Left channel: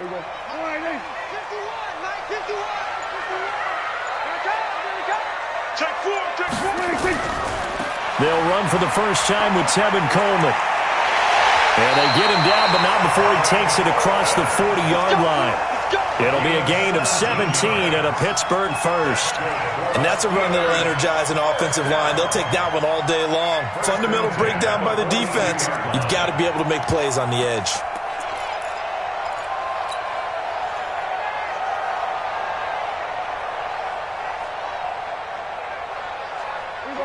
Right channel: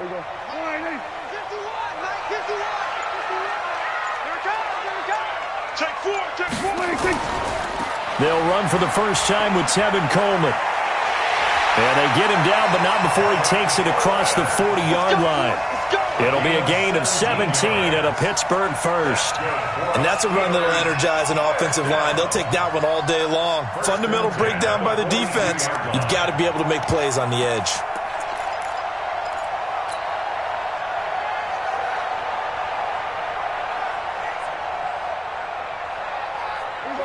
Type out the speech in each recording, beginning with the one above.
Here we go. All right, 51, Mike, 51. Here it comes, here it comes. Take four. They'll run for the first time with Tevin Coleman. And they get him down, but not before he takes it across the 40-yard line. It'll be a gain of 17 and a Pittsburgh first. And that's a run that'll energize an offensive line. They'll take that one all day long. Fundamental breakdown by the defense. You've got to be able to make plays on the edge.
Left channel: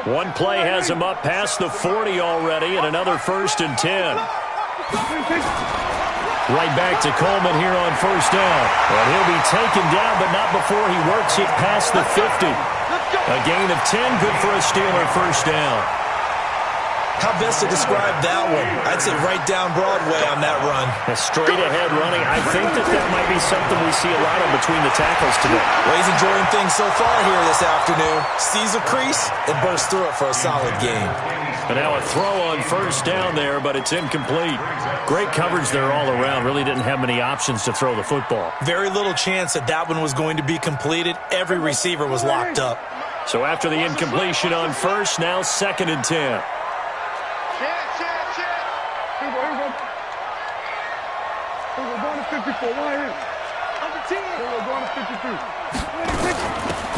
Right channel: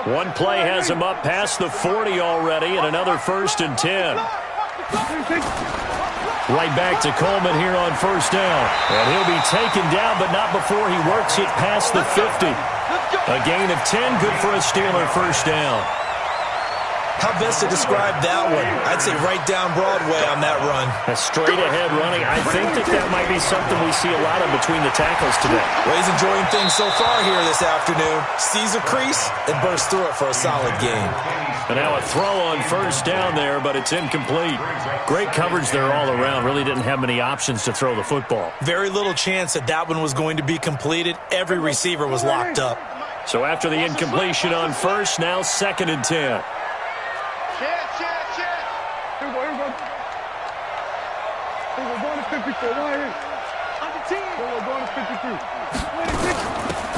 One play has him up past the 40 already, and another 1st and 10. Right back to Coleman here on first down. And he'll be taken down, but not before he works it past the 50. A gain of 10, good for a Steeler first down. How best to describe that one? I'd say right down Broadway on that run. A straight-ahead running. I think that might be something we see a lot of between the tackles today. Well, he's enjoying things so far here this afternoon. Sees a crease and bursts through it for a solid gain. And now a throw on first down there, but it's incomplete. Great coverage there all around. Really didn't have many options to throw the football. Very little chance that one was going to be completed. Every receiver was locked up. So after the incompletion on first, now 2nd and 10. Here we go. We're going to 54. Right here. Under 10. We're going to 53.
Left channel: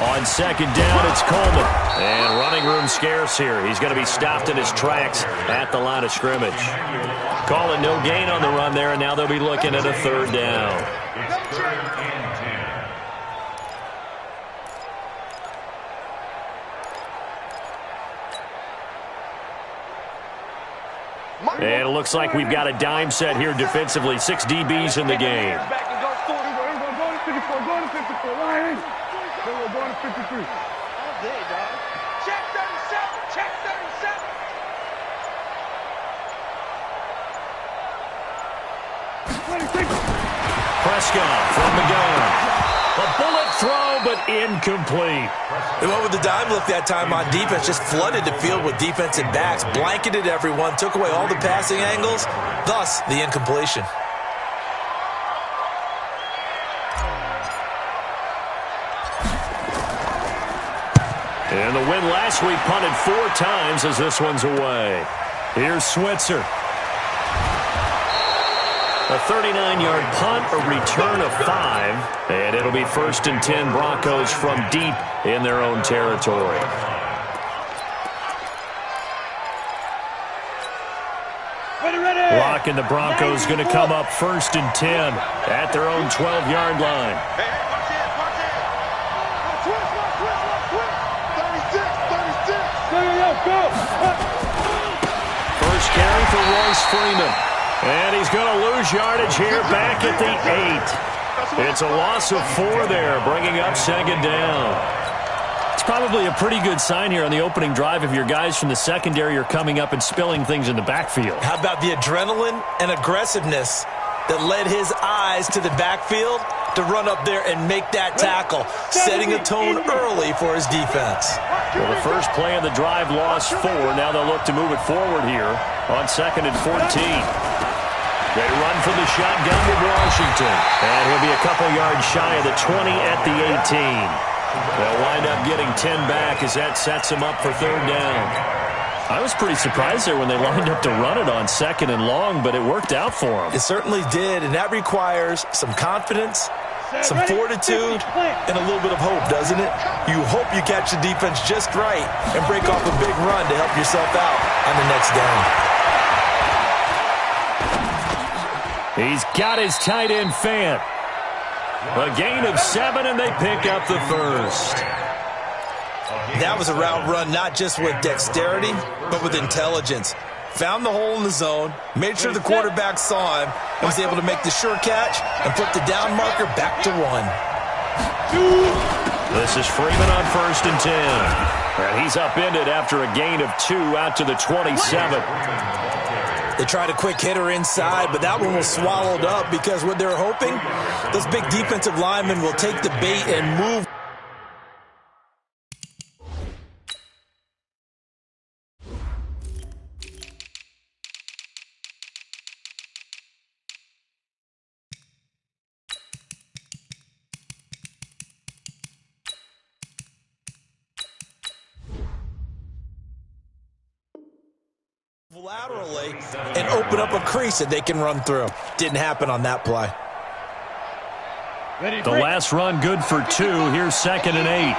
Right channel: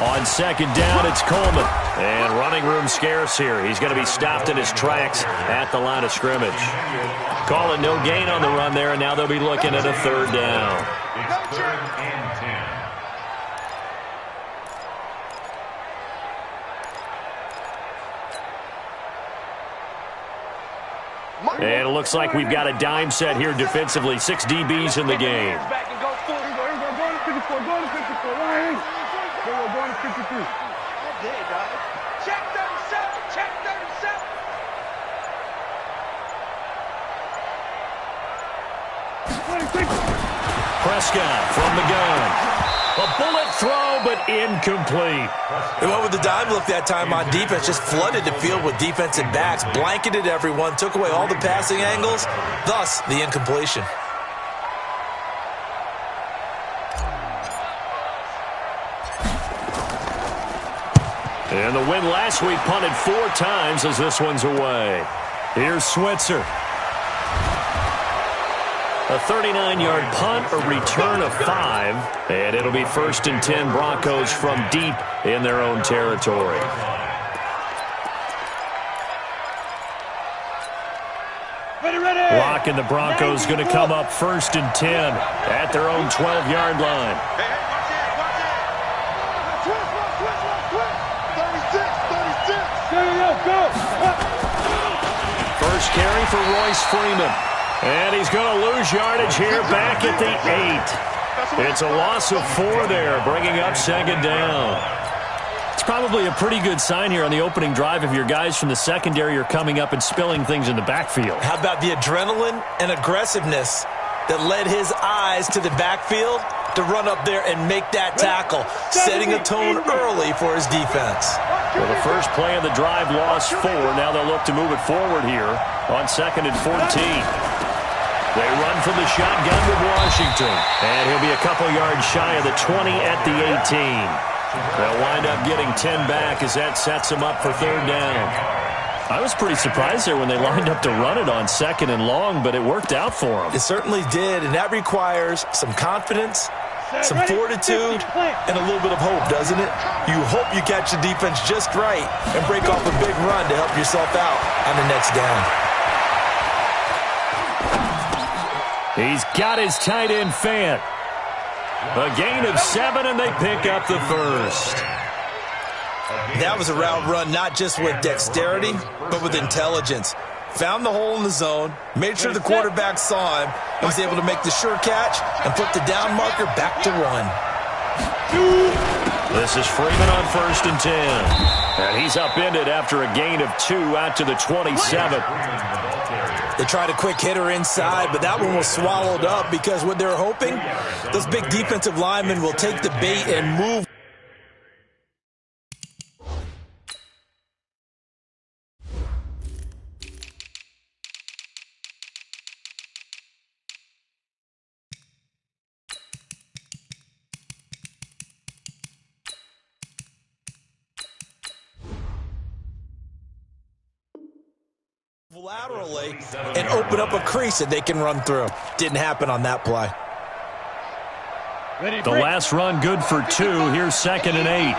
On 2nd down, it's Coleman. And running room scarce here. He's going to be stopped in his tracks at the line of scrimmage. Call it no gain on the run there, and now they'll be looking at a 3rd down. And it looks like we've got a dime set here defensively. 6 DBs in the game. We're going to 53. All day, dog. Check 37. Check 37. Prescott from the gun. A bullet throw, but incomplete. They went with the dime look that time on defense. Just flooded the field with defensive backs. Blanketed everyone. Took away all the passing angles. Thus, the incompletion. And the win last week punted 4 times as this one's away. Here's Switzer. A 39-yard punt, a return of 5, and it'll be 1st and 10 Broncos from deep in their own territory. Lock and the Broncos going to come up 1st and 10 at their own 12-yard line. Hey, watch it. Twist. 36. Go. First carry for Royce Freeman. And he's going to lose yardage here back at the 8. It's a loss of 4 there, bringing up 2nd down. It's probably a pretty good sign here on the opening drive if your guys from the secondary are coming up and spilling things in the backfield. How about the adrenaline and aggressiveness that led his eyes to the backfield to run up there and make that tackle, setting a tone early for his defense. Well, the first play of the drive lost 4. Now they'll look to move it forward here on 2nd and 14. They run from the shotgun with Washington. And he'll be a couple yards shy of the 20 at the 18. They'll wind up getting 10 back as that sets them up for 3rd down. I was pretty surprised there when they lined up to run it on 2nd and long, but it worked out for them. It certainly did, and that requires some confidence, some fortitude, and a little bit of hope, doesn't it? You hope you catch the defense just right and break off a big run to help yourself out on the next down. He's got his tight end Fant. A gain of 7, and they pick up the 1st. That was a route run not just with dexterity, but with intelligence. Found the hole in the zone, made sure the quarterback saw him, and was able to make the sure catch and put the down marker back to 1. This is Freeman on 1st and 10. And he's upended after a gain of 2 out to the 27. They tried a quick hitter inside, but that one was swallowed up because what they're hoping, those big defensive linemen will take the bait and move. laterally and open up a crease that they can run through. Didn't happen on that play. The last run good for 2. Here's 2nd and 8.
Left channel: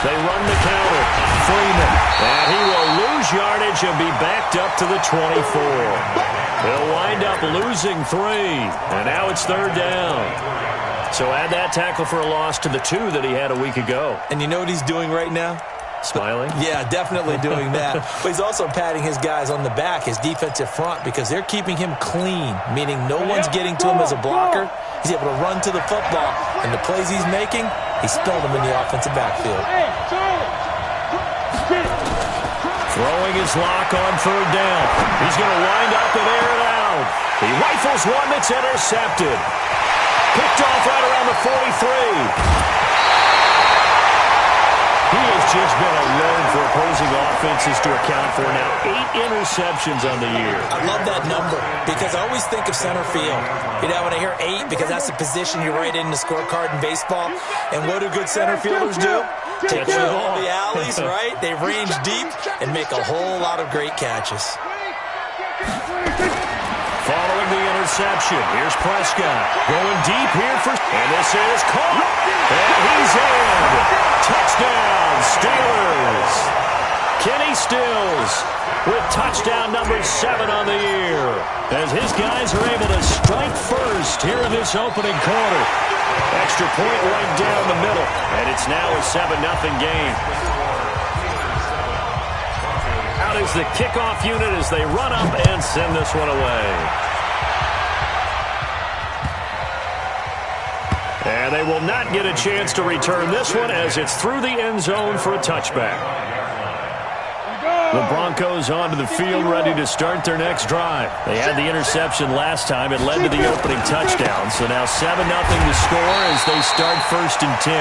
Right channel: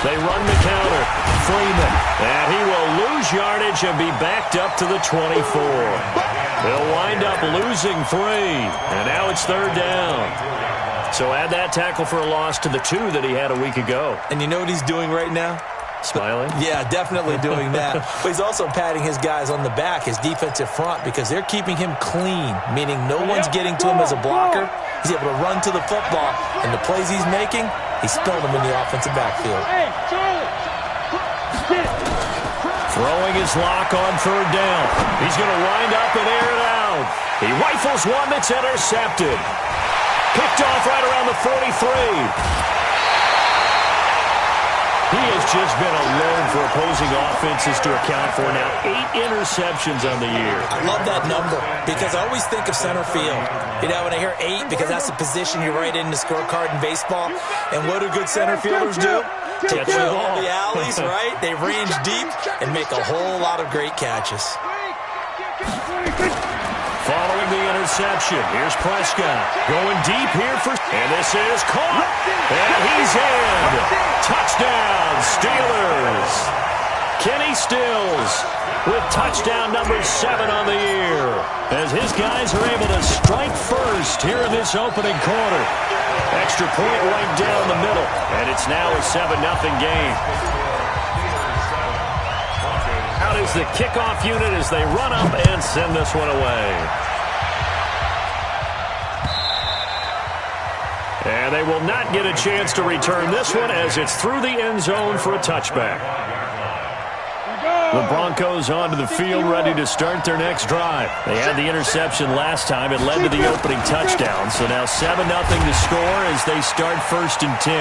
They run the counter. Freeman. And he will lose yardage and be backed up to the 24. He'll wind up losing 3. And now it's 3rd down. So add that tackle for a loss to the 2 that he had a week ago. And you know what he's doing right now? Smiling? Yeah, definitely doing that. But he's also patting his guys on the back, his defensive front, because they're keeping him clean, meaning no one's getting to him as a blocker. He's able to run to the football, and the plays he's making, he's spilled them in the offensive backfield. Throwing his lock on 3rd down. He's going to wind up and air it out. He rifles one that's intercepted. Picked off right around the 43. He has just been alone for opposing offenses to account for now 8 interceptions on the year. I love that number because I always think of center field. You know, when I hear 8, because that's the position you write in the scorecard in baseball. And what do good center fielders do? Take away all the alleys, right? They range deep and make a whole lot of great catches. Following the interception, here's Prescott. Going deep here for... And this is caught. And he's in. Touchdown, Steelers. Kenny Stills with touchdown number 7 on the year. As his guys are able to strike first here in this opening quarter. Extra point right down the middle. And it's now a 7-0 game. Out is the kickoff unit as they run up and send this one away. And they will not get a chance to return this one as it's through the end zone for a touchback. The Broncos onto the field ready to start their next drive. They had the interception last time. It led to the opening touchdown. So now 7-0 to score as they start 1st and 10.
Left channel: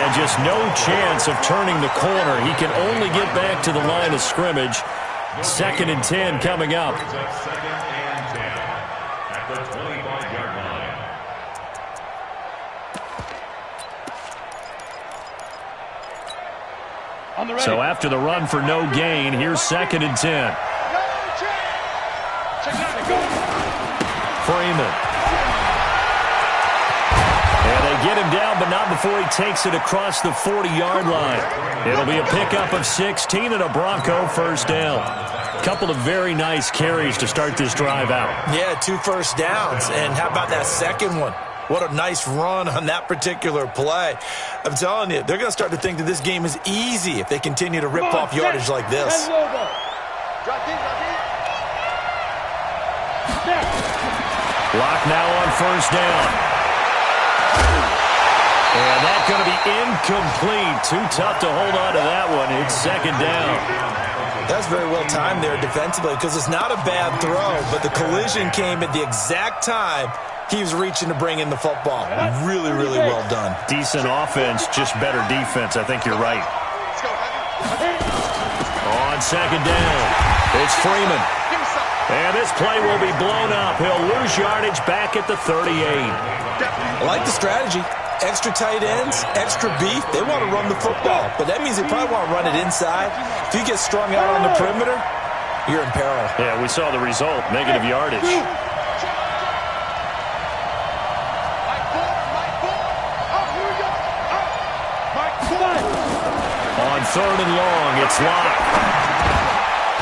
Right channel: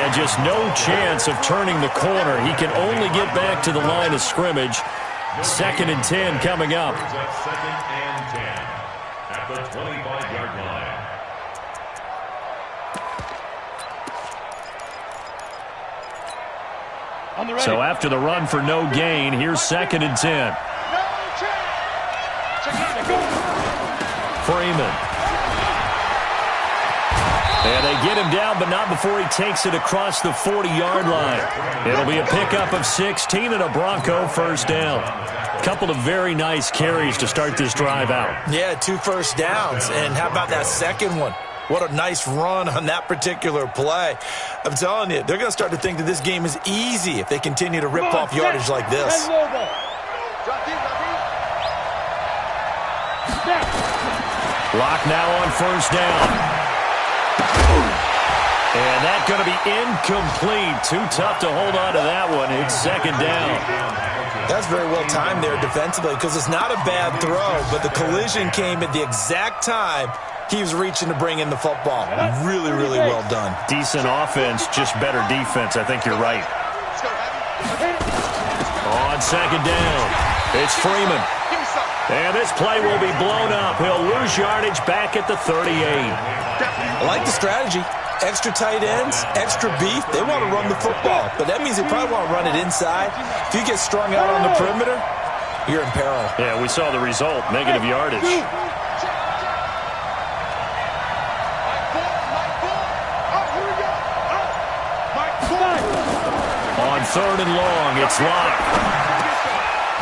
And just no chance of turning the corner. He can only get back to the line of scrimmage. 2nd and 10 coming up. 2nd and 10 at the 25-yard line. So after the run for no gain, here's 2nd and 10. Freeman. And they get him down, but not before he takes it across the 40-yard line. It'll be a pickup of 16 and a Bronco 1st down. A couple of very nice carries to start this drive out. Yeah, 2 first downs. And how about that second one? What a nice run on that particular play. I'm telling you, they're going to start to think that this game is easy if they continue to rip off yardage like this. Lock now on 1st down. And that's going to be incomplete. Too tough to hold on to that one. It's 2nd down. That's very well timed there defensively because it's not a bad throw, but the collision came at the exact time he was reaching to bring in the football. Really, really well done. Decent offense, just better defense. I think you're right. On 2nd down, it's Freeman. And this play will be blown up. He'll lose yardage back at the 38. I like the strategy. Extra tight ends, extra beef. They want to run the football, but that means they probably want to run it inside. If you get strung out on the perimeter, you're in peril. Yeah, we saw the result, negative yardage. On 3rd and long, it's Locke.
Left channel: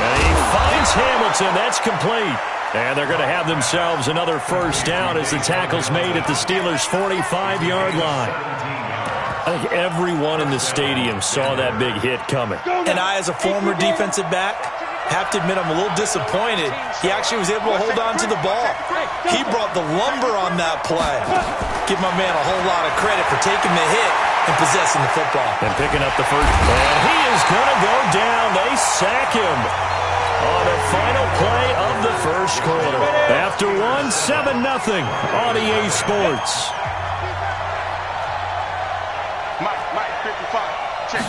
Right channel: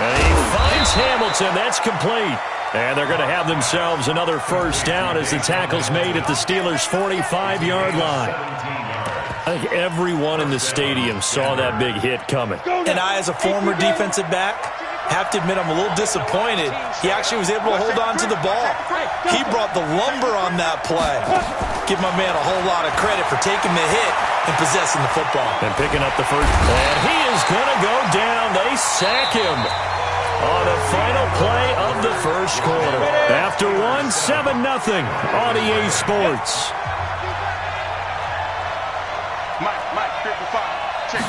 And he finds Hamilton. That's complete. And they're going to have themselves another 1st down as the tackle's made at the Steelers' 45-yard line. I think everyone in the stadium saw that big hit coming. And I, as a former defensive back, have to admit I'm a little disappointed. He actually was able to hold on to the ball. He brought the lumber on that play. Give my man a whole lot of credit for taking the hit and possessing the football. And picking up the 1st. And he is going to go down. They sack him on the final play of the 1st quarter. After 7-0 on EA Sports. Mike, 55. Check.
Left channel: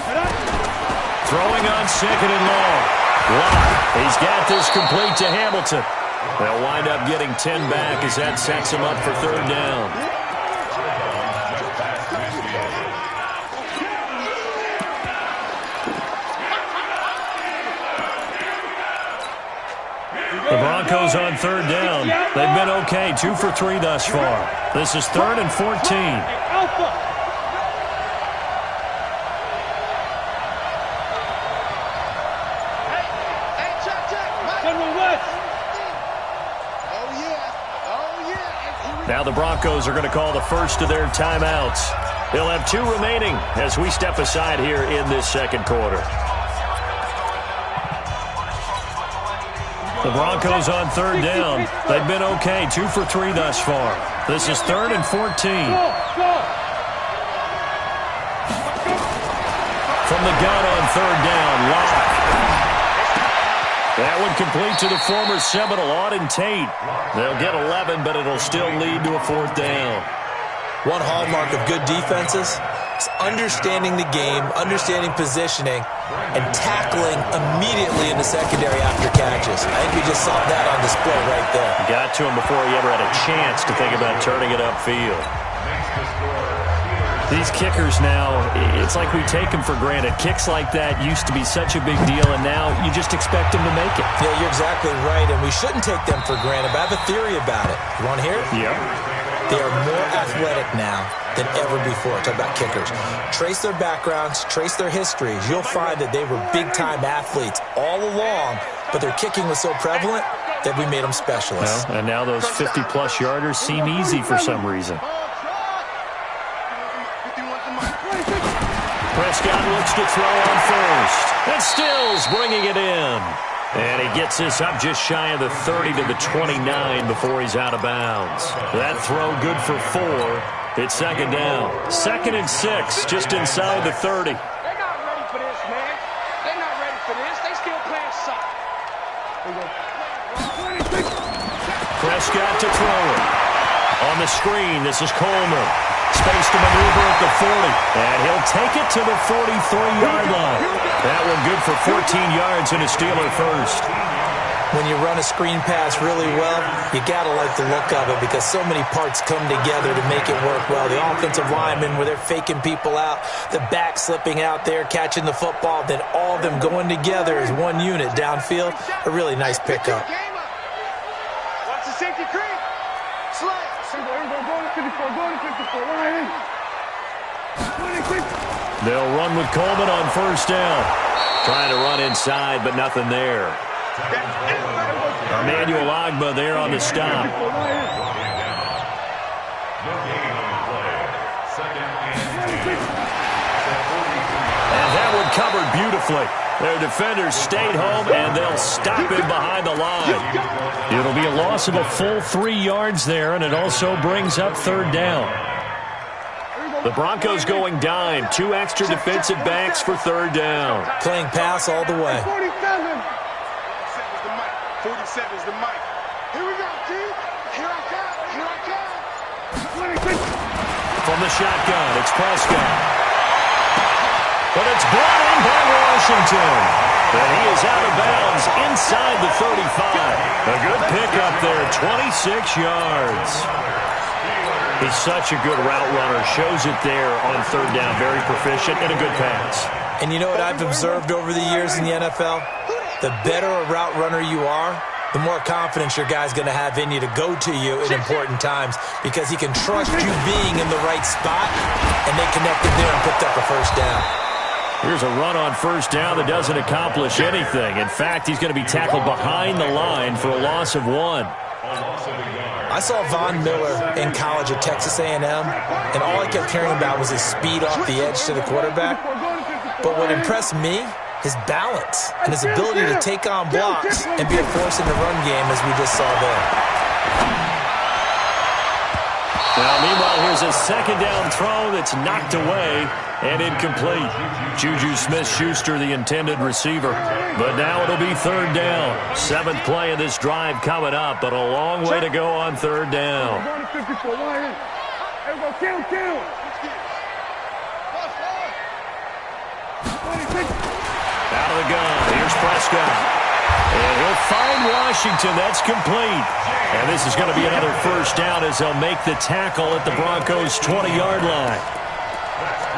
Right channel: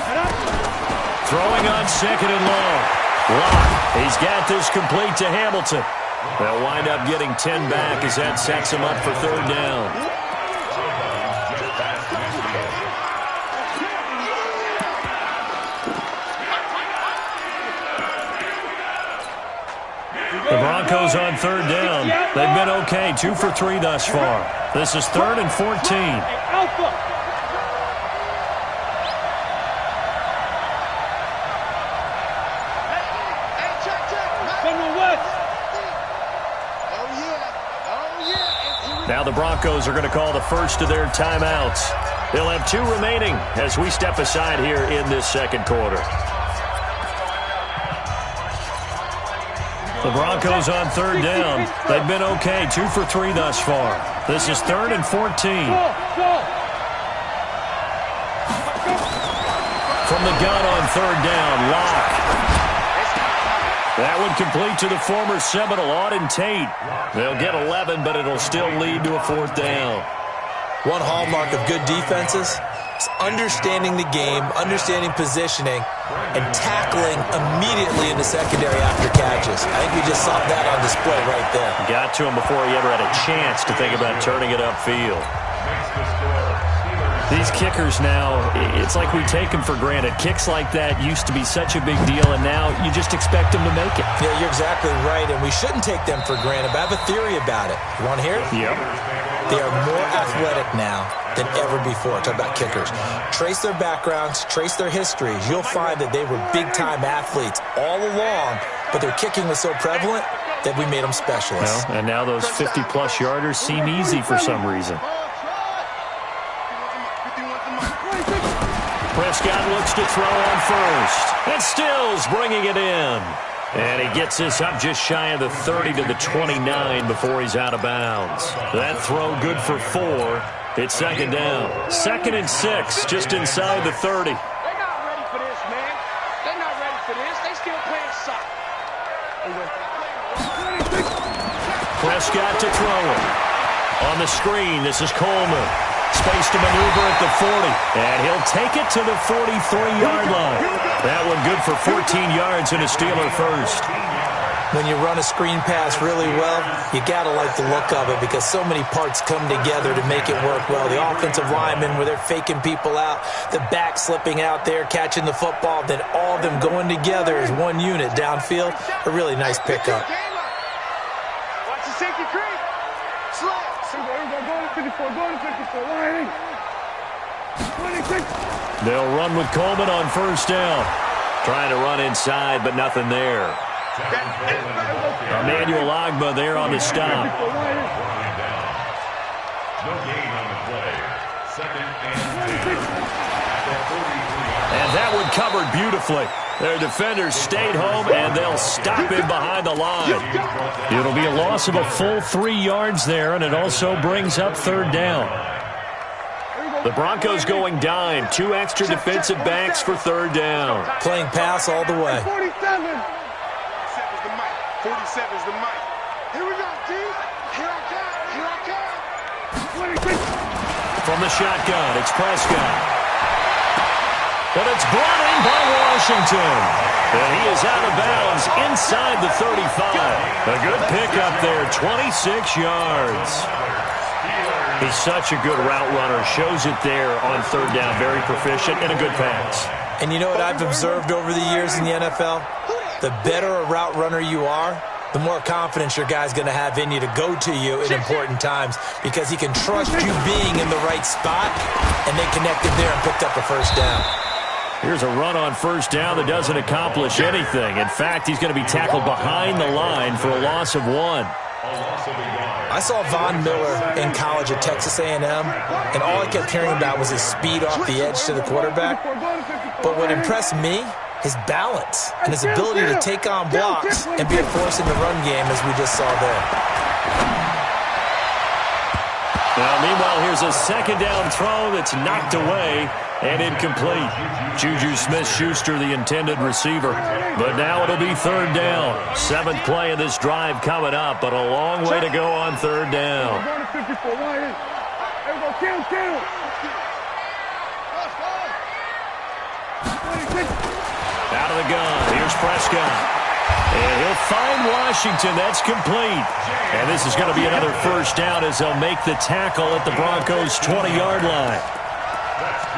Throwing on 2nd and long. Locke, he's got this complete to Hamilton. They'll wind up getting 10 back as that sets him up for 3rd down. The Broncos on third down. They've been okay, 2 for 3 thus far. This is 3rd and 14. Now the Broncos are going to call the first of their timeouts. They'll have 2 remaining as we step aside here in this second quarter. The Broncos on third down. They've been okay, 2 for 3 thus far. This is 3rd and 14. From the gun on third down, Locke. That would complete to the former Seminole, Auden Tate. They'll get 11, but it'll still lead to a 4th down. One hallmark of good defenses is understanding the game, understanding positioning, and tackling immediately in the secondary after catches. I think we just saw that on display right there. Got to him before he ever had a chance to think about turning it upfield. These kickers now, it's like we take them for granted. Kicks like that used to be such a big deal, and now you just expect them to make it. Yeah, you're exactly right, and we shouldn't take them for granted, but I have a theory about it. You want to hear it? Yeah. They are more athletic now than ever before. Talk about kickers. Trace their backgrounds, trace their histories. You'll find that they were big-time athletes all along, but their kicking was so prevalent that we made them specialists. Well, and now those 50-plus yarders seem easy for some reason. Prescott looks to throw on first. And Stills bringing it in. And he gets this up just shy of the 30 to the 29 before he's out of bounds. That throw good for 4. It's second down. 2nd and 6, just inside the 30. They're not ready for this, man. They're not ready for this. They still playing soccer. Prescott to throw it. On the screen, this is Coleman. Space to maneuver at the 40. And he'll take it to the 43-yard line. That one good for 14 yards and a Steeler first. When you run a screen pass really well, you got to like the look of it because so many parts come together to make it work well. The offensive linemen, where they're faking people out, the back slipping out there, catching the football, then all of them going together as one unit downfield. A really nice pickup. Watch the safety creep. Slap. Go to 54. Go to 54. They'll run with Coleman on first down. Trying to run inside, but nothing there. Emmanuel Ogbah there on the stop. No gain on the play. 2nd and 10. And that one covered beautifully. Their defenders stayed home, and they'll stop him behind the line. It'll be a loss of a full 3 yards there, and it also brings up third down. The Broncos going dime. 2 extra defensive backs for third down. Playing pass all the way. 47. 47's the mic. Here we go, D. Here I come. Here I come. From the shotgun, it's Prescott. But it's brought in by Washington. And he is out of bounds inside the 35. A good pickup there, 26 yards. He's such a good route runner. Shows it there on third down. Very proficient and a good pass. And you know what I've observed over the years in the NFL? The better a route runner you are, the more confidence your guy's going to have in you to go to you in important times because he can trust you being in the right spot, and they connected there and picked up a first down. Here's a run on first down that doesn't accomplish anything. In fact, he's going to be tackled behind the line for a loss of 1. I saw Von Miller in college at Texas A&M, and all I kept hearing about was his speed off the edge to the quarterback. But what impressed me, his balance and his ability to take on blocks and be a force in the run game, as we just saw there. Now, meanwhile, here's a second down throw that's knocked away and incomplete. Juju Smith-Schuster, the intended receiver. But now it'll be third down. 7th play of this drive coming up, but a long way to go on third down. Out of the gun, here's Prescott. And he'll find Washington. That's complete. And this is going to be another first down as they'll make the tackle at the Broncos' 20-yard line.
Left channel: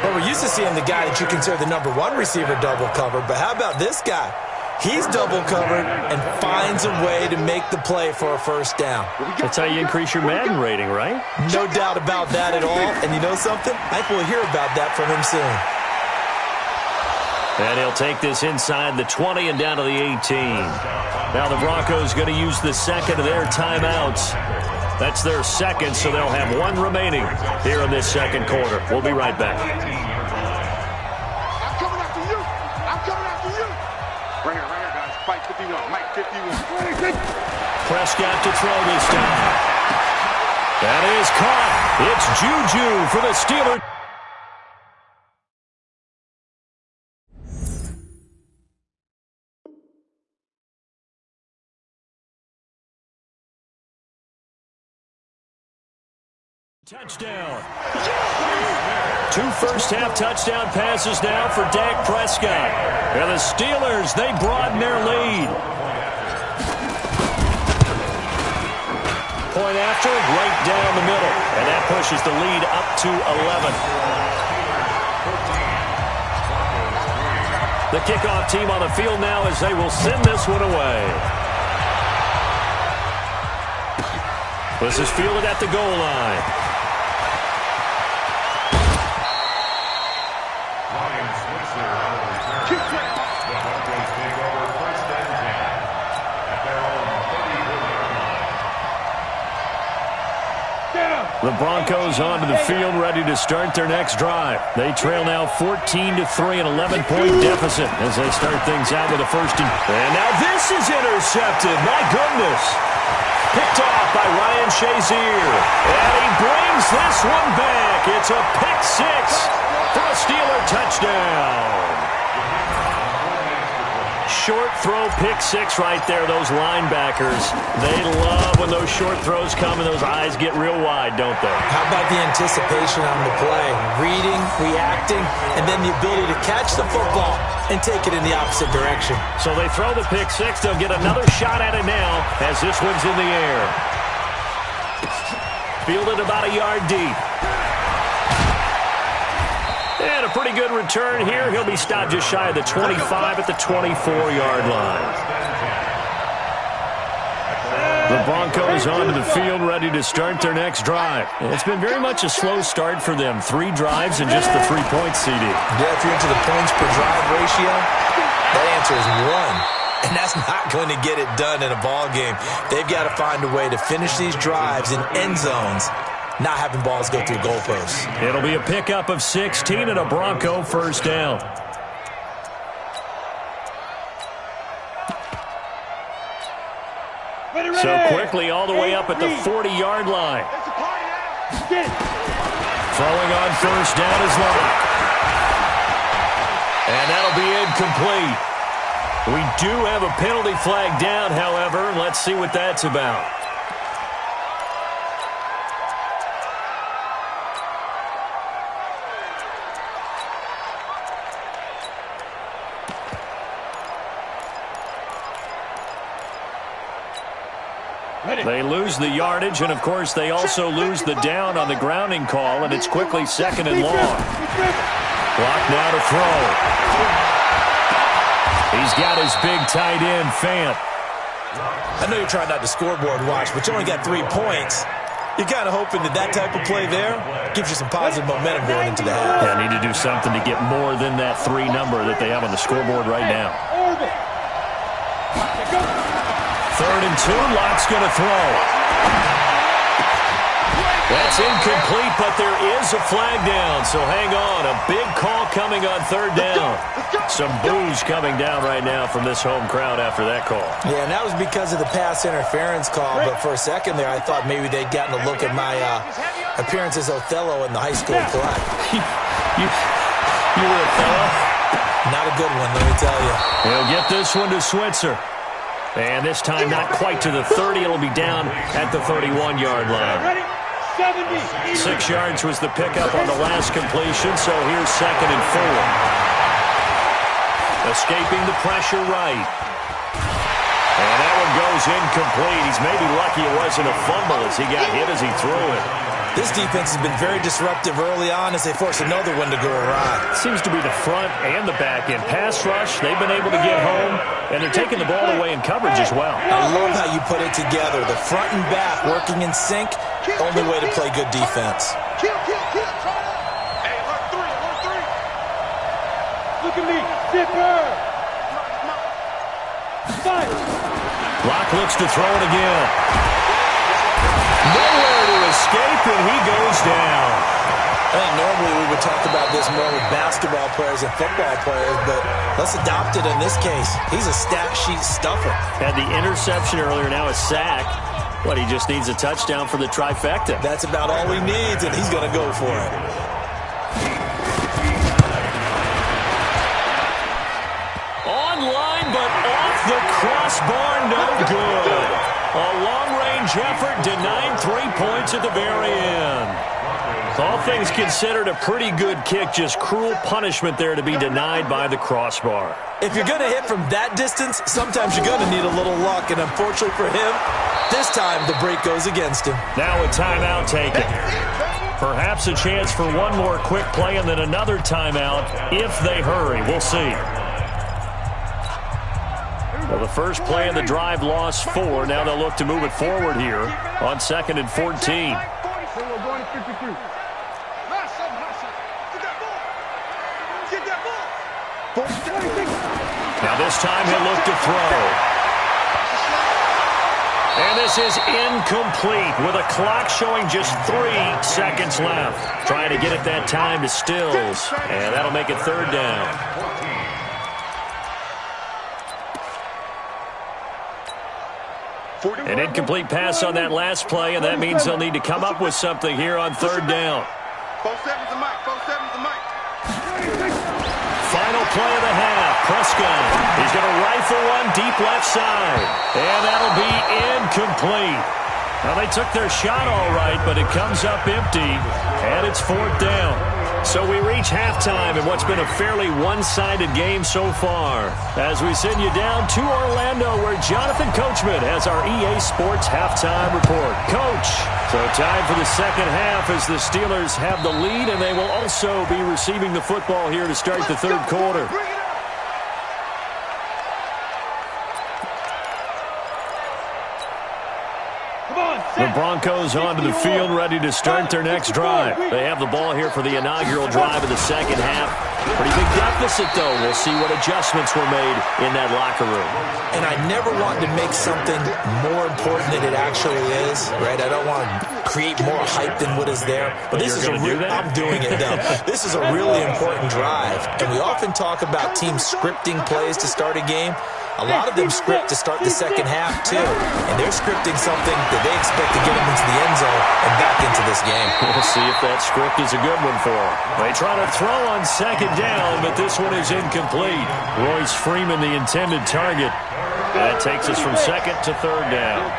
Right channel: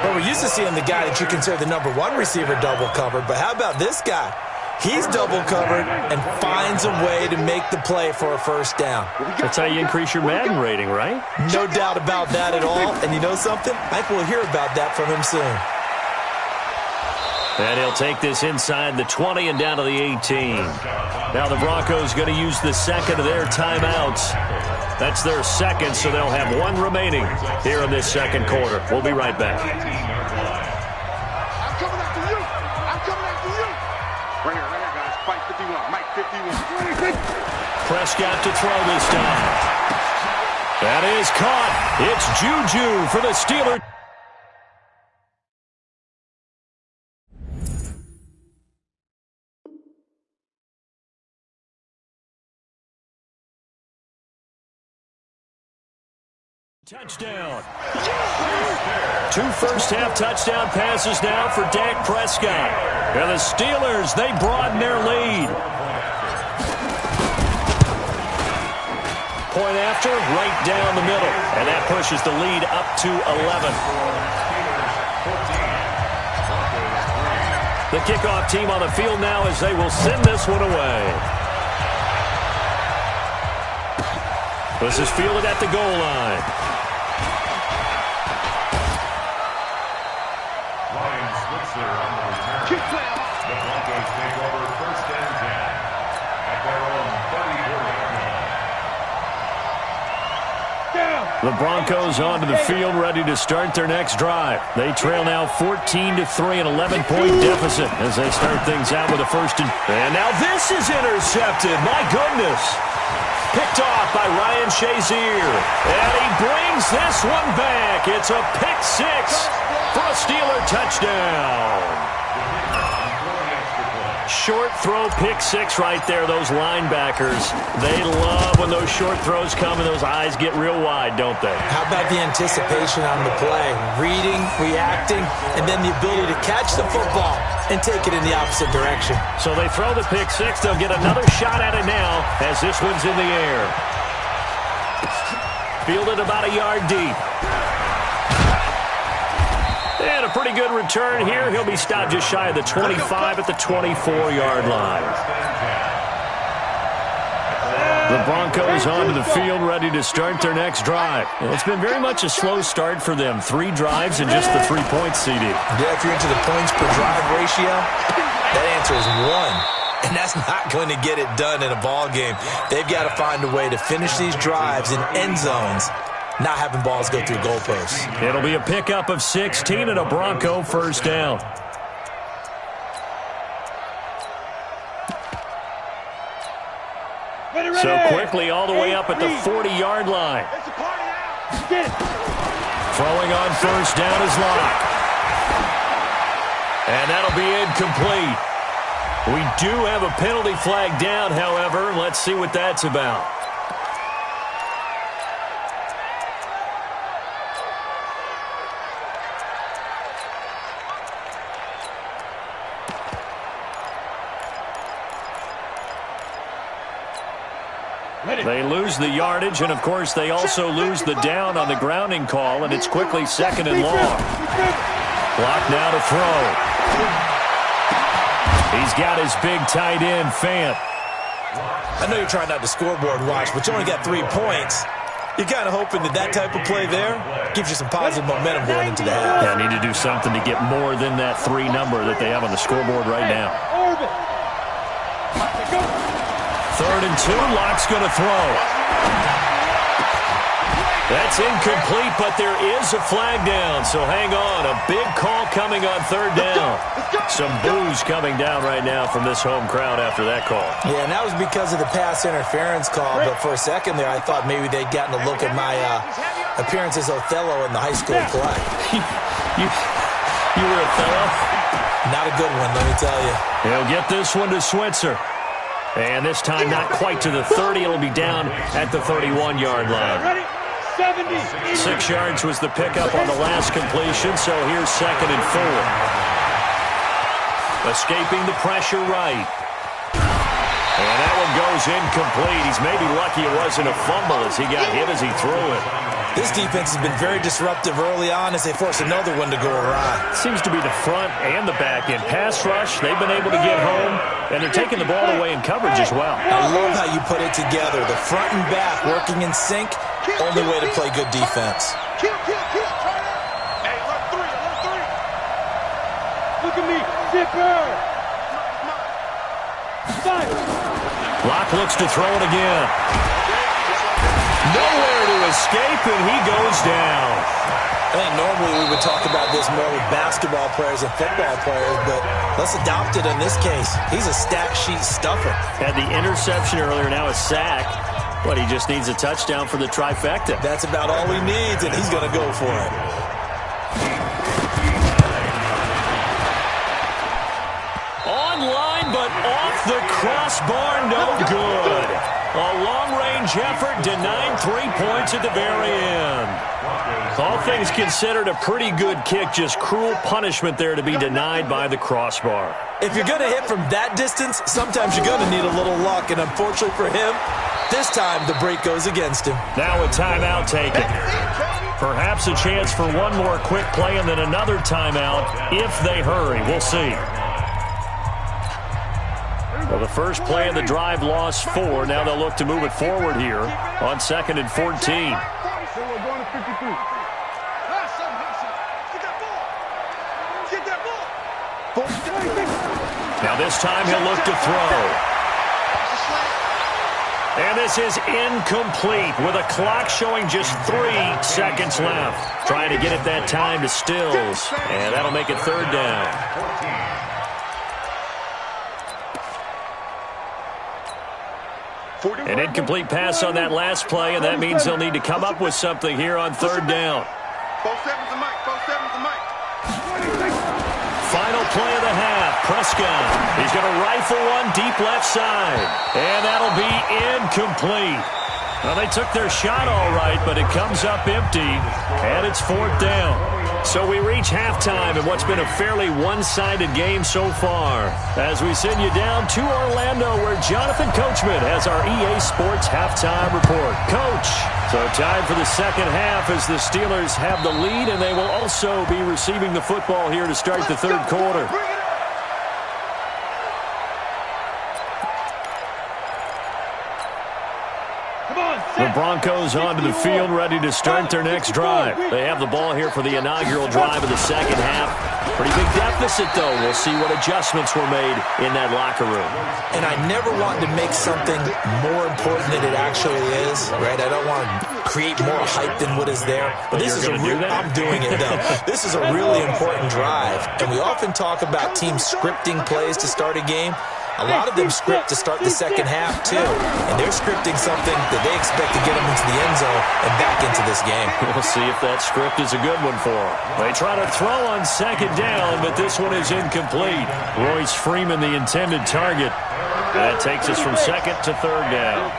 Well, we're used to seeing the guy that you consider the #1 receiver double covered, but how about this guy? He's double covered and finds a way to make the play for a first down. That's how you increase your Madden rating, right? No doubt about that at all. And you know something? I think we'll hear about that from him soon. And he'll take this inside the 20 and down to the 18. Now the Broncos going to use the second of their timeouts. That's their second, so they'll have one remaining here in this second quarter. We'll be right back. I'm coming after you. I'm coming after you. Right here, guys. Fight 51. Mike 51. Prescott to throw this time. That is caught. It's Juju for the Steelers. Touchdown. 2 first-half touchdown passes now for Dak Prescott. And the Steelers, they broaden their lead. Point after, right down the middle. And that pushes the lead up to 11. The kickoff team on the field now as they will send this one away. This is fielded at the goal line. The Broncos take over first and 10 at their own 34-yard line. The Broncos onto the field, ready to start their next drive. They trail now 14-3, an 11-point deficit as they start things out with a first and now this is intercepted. My goodness. Picked off by Ryan Shazier. And he brings this one back. It's a pick six for a Steeler touchdown. Short throw pick six right there. Those linebackers, they love when those short throws come and those eyes get real wide, don't they? How about the anticipation on the play? Reading, reacting, and then the ability to catch the football and take it in the opposite direction. So they throw the pick six. They'll get another shot at it now as this one's in the air. Fielded about a yard deep. And a pretty good return here. He'll be stopped just shy of the 25 at the 24-yard line. The Broncos onto the field, ready to start their next drive. It's been very much a slow start for them. 3 drives and just the 3 points, CD. Yeah, if you're into the points per drive ratio, that answer is 1. And that's not going to get it done in a ball game. They've got to find a way to finish these drives in end zones, not having balls go through goalposts. It'll be a pickup of 16 and a Bronco first down. So quickly all the way up at the 40-yard line. Throwing on first down is Locke. And that'll be incomplete. We do have a penalty flag down, however. Let's see what that's about. They lose the yardage, and, of course, they also lose the down on the grounding call, and it's quickly second and long. Clock now to throw. He's got his big tight end, Fant. I know you're trying not to scoreboard watch, but you only got 3 points. You're kind of hoping that type of play there gives you some positive momentum going into the half. Yeah, need to do something to get more than that 3 number that they have on the scoreboard right now. 3rd and 2, Locke's going to throw. That's incomplete, but there is a flag down, so hang on. A big call coming on 3rd down. Some boos coming down right now from this home crowd after that call. Yeah, and that was because of the pass interference call, but for a second there, I thought maybe they'd gotten a look at my appearance as Othello in the high school play. You were Othello? Not a good one, let me tell you. He'll get this one to Switzer. And this time not quite to the 30. It'll be down at the 31-yard line. 6 yards was the pickup on the last completion, so here's 2nd and 4. Escaping the pressure right. And that one goes incomplete. He's maybe lucky it wasn't a fumble as he got hit as he threw it. This defense has been very disruptive early on as they force another one to go awry. Seems to be the front and the back end. Pass rush, they've been able to get home, and they're taking the ball away in coverage as well. I love how you put it together. The front and back working in sync, only way to play good defense. Kill. Try it out. Hey, alert three. Look at me. Zipper. Fight. Locke looks to throw it again. Nowhere to escape, and he goes down. I think normally we would talk about this more with basketball players and football players, but let's adopt it in this case. He's a stat sheet stuffer. Had the interception earlier, now a sack. But he just needs a touchdown for the trifecta. That's about all he needs, and he's going to go for it. Online, but off the crossbar, no good. A long-range effort, denying 3 points at the very end. All things considered, a pretty good kick, just cruel punishment there to be denied by the crossbar. If you're going to hit from that distance, sometimes you're going to need a little luck, and unfortunately for him, this time the break goes against him. Now a timeout taken. Perhaps a chance for one more quick play and then another timeout if they hurry. We'll see. Well, the first play of the drive lost 4. Now they'll look to move it forward here on 2nd and 14. So we're going to 53. Get that ball. Now this time he'll look to throw. And this is incomplete with a clock showing just 3 seconds left. Trying to get it that time to Stills. And that'll make it 3rd down. An incomplete pass on that last play, and that means they'll need to come up with something here on 3rd down. 4-7's the mic. 4-7's the mic. Final play of the half. Prescott. He's going to rifle one deep left side. And that'll be incomplete. Well, they took their shot all right, but it comes up empty, and it's 4th down. So we reach halftime in what's been a fairly one-sided game so far. As we send you down to Orlando, where Jonathan Coachman has our EA Sports halftime report. Coach, so time for the second half as the Steelers have the lead, and they will also be receiving the football here to start the 3rd quarter. The Broncos onto the field, ready to start their next drive. They have the ball here for the inaugural drive of the second half. Pretty big deficit, though. We'll see what adjustments were made in that locker room. And I never want to make something more important than it actually is, right? I don't want to create more hype than what is there. But this is I'm doing it, though. This is a really important drive. And we often talk about teams scripting plays to start a game. A lot of them script to start the second half, too. And they're scripting something that they expect to get them into the end zone and back into this game. We'll see if that script is a good one for them. They try to throw on 2nd down, but this one is incomplete. Royce Freeman, the intended target. And that takes us from 2nd to 3rd down.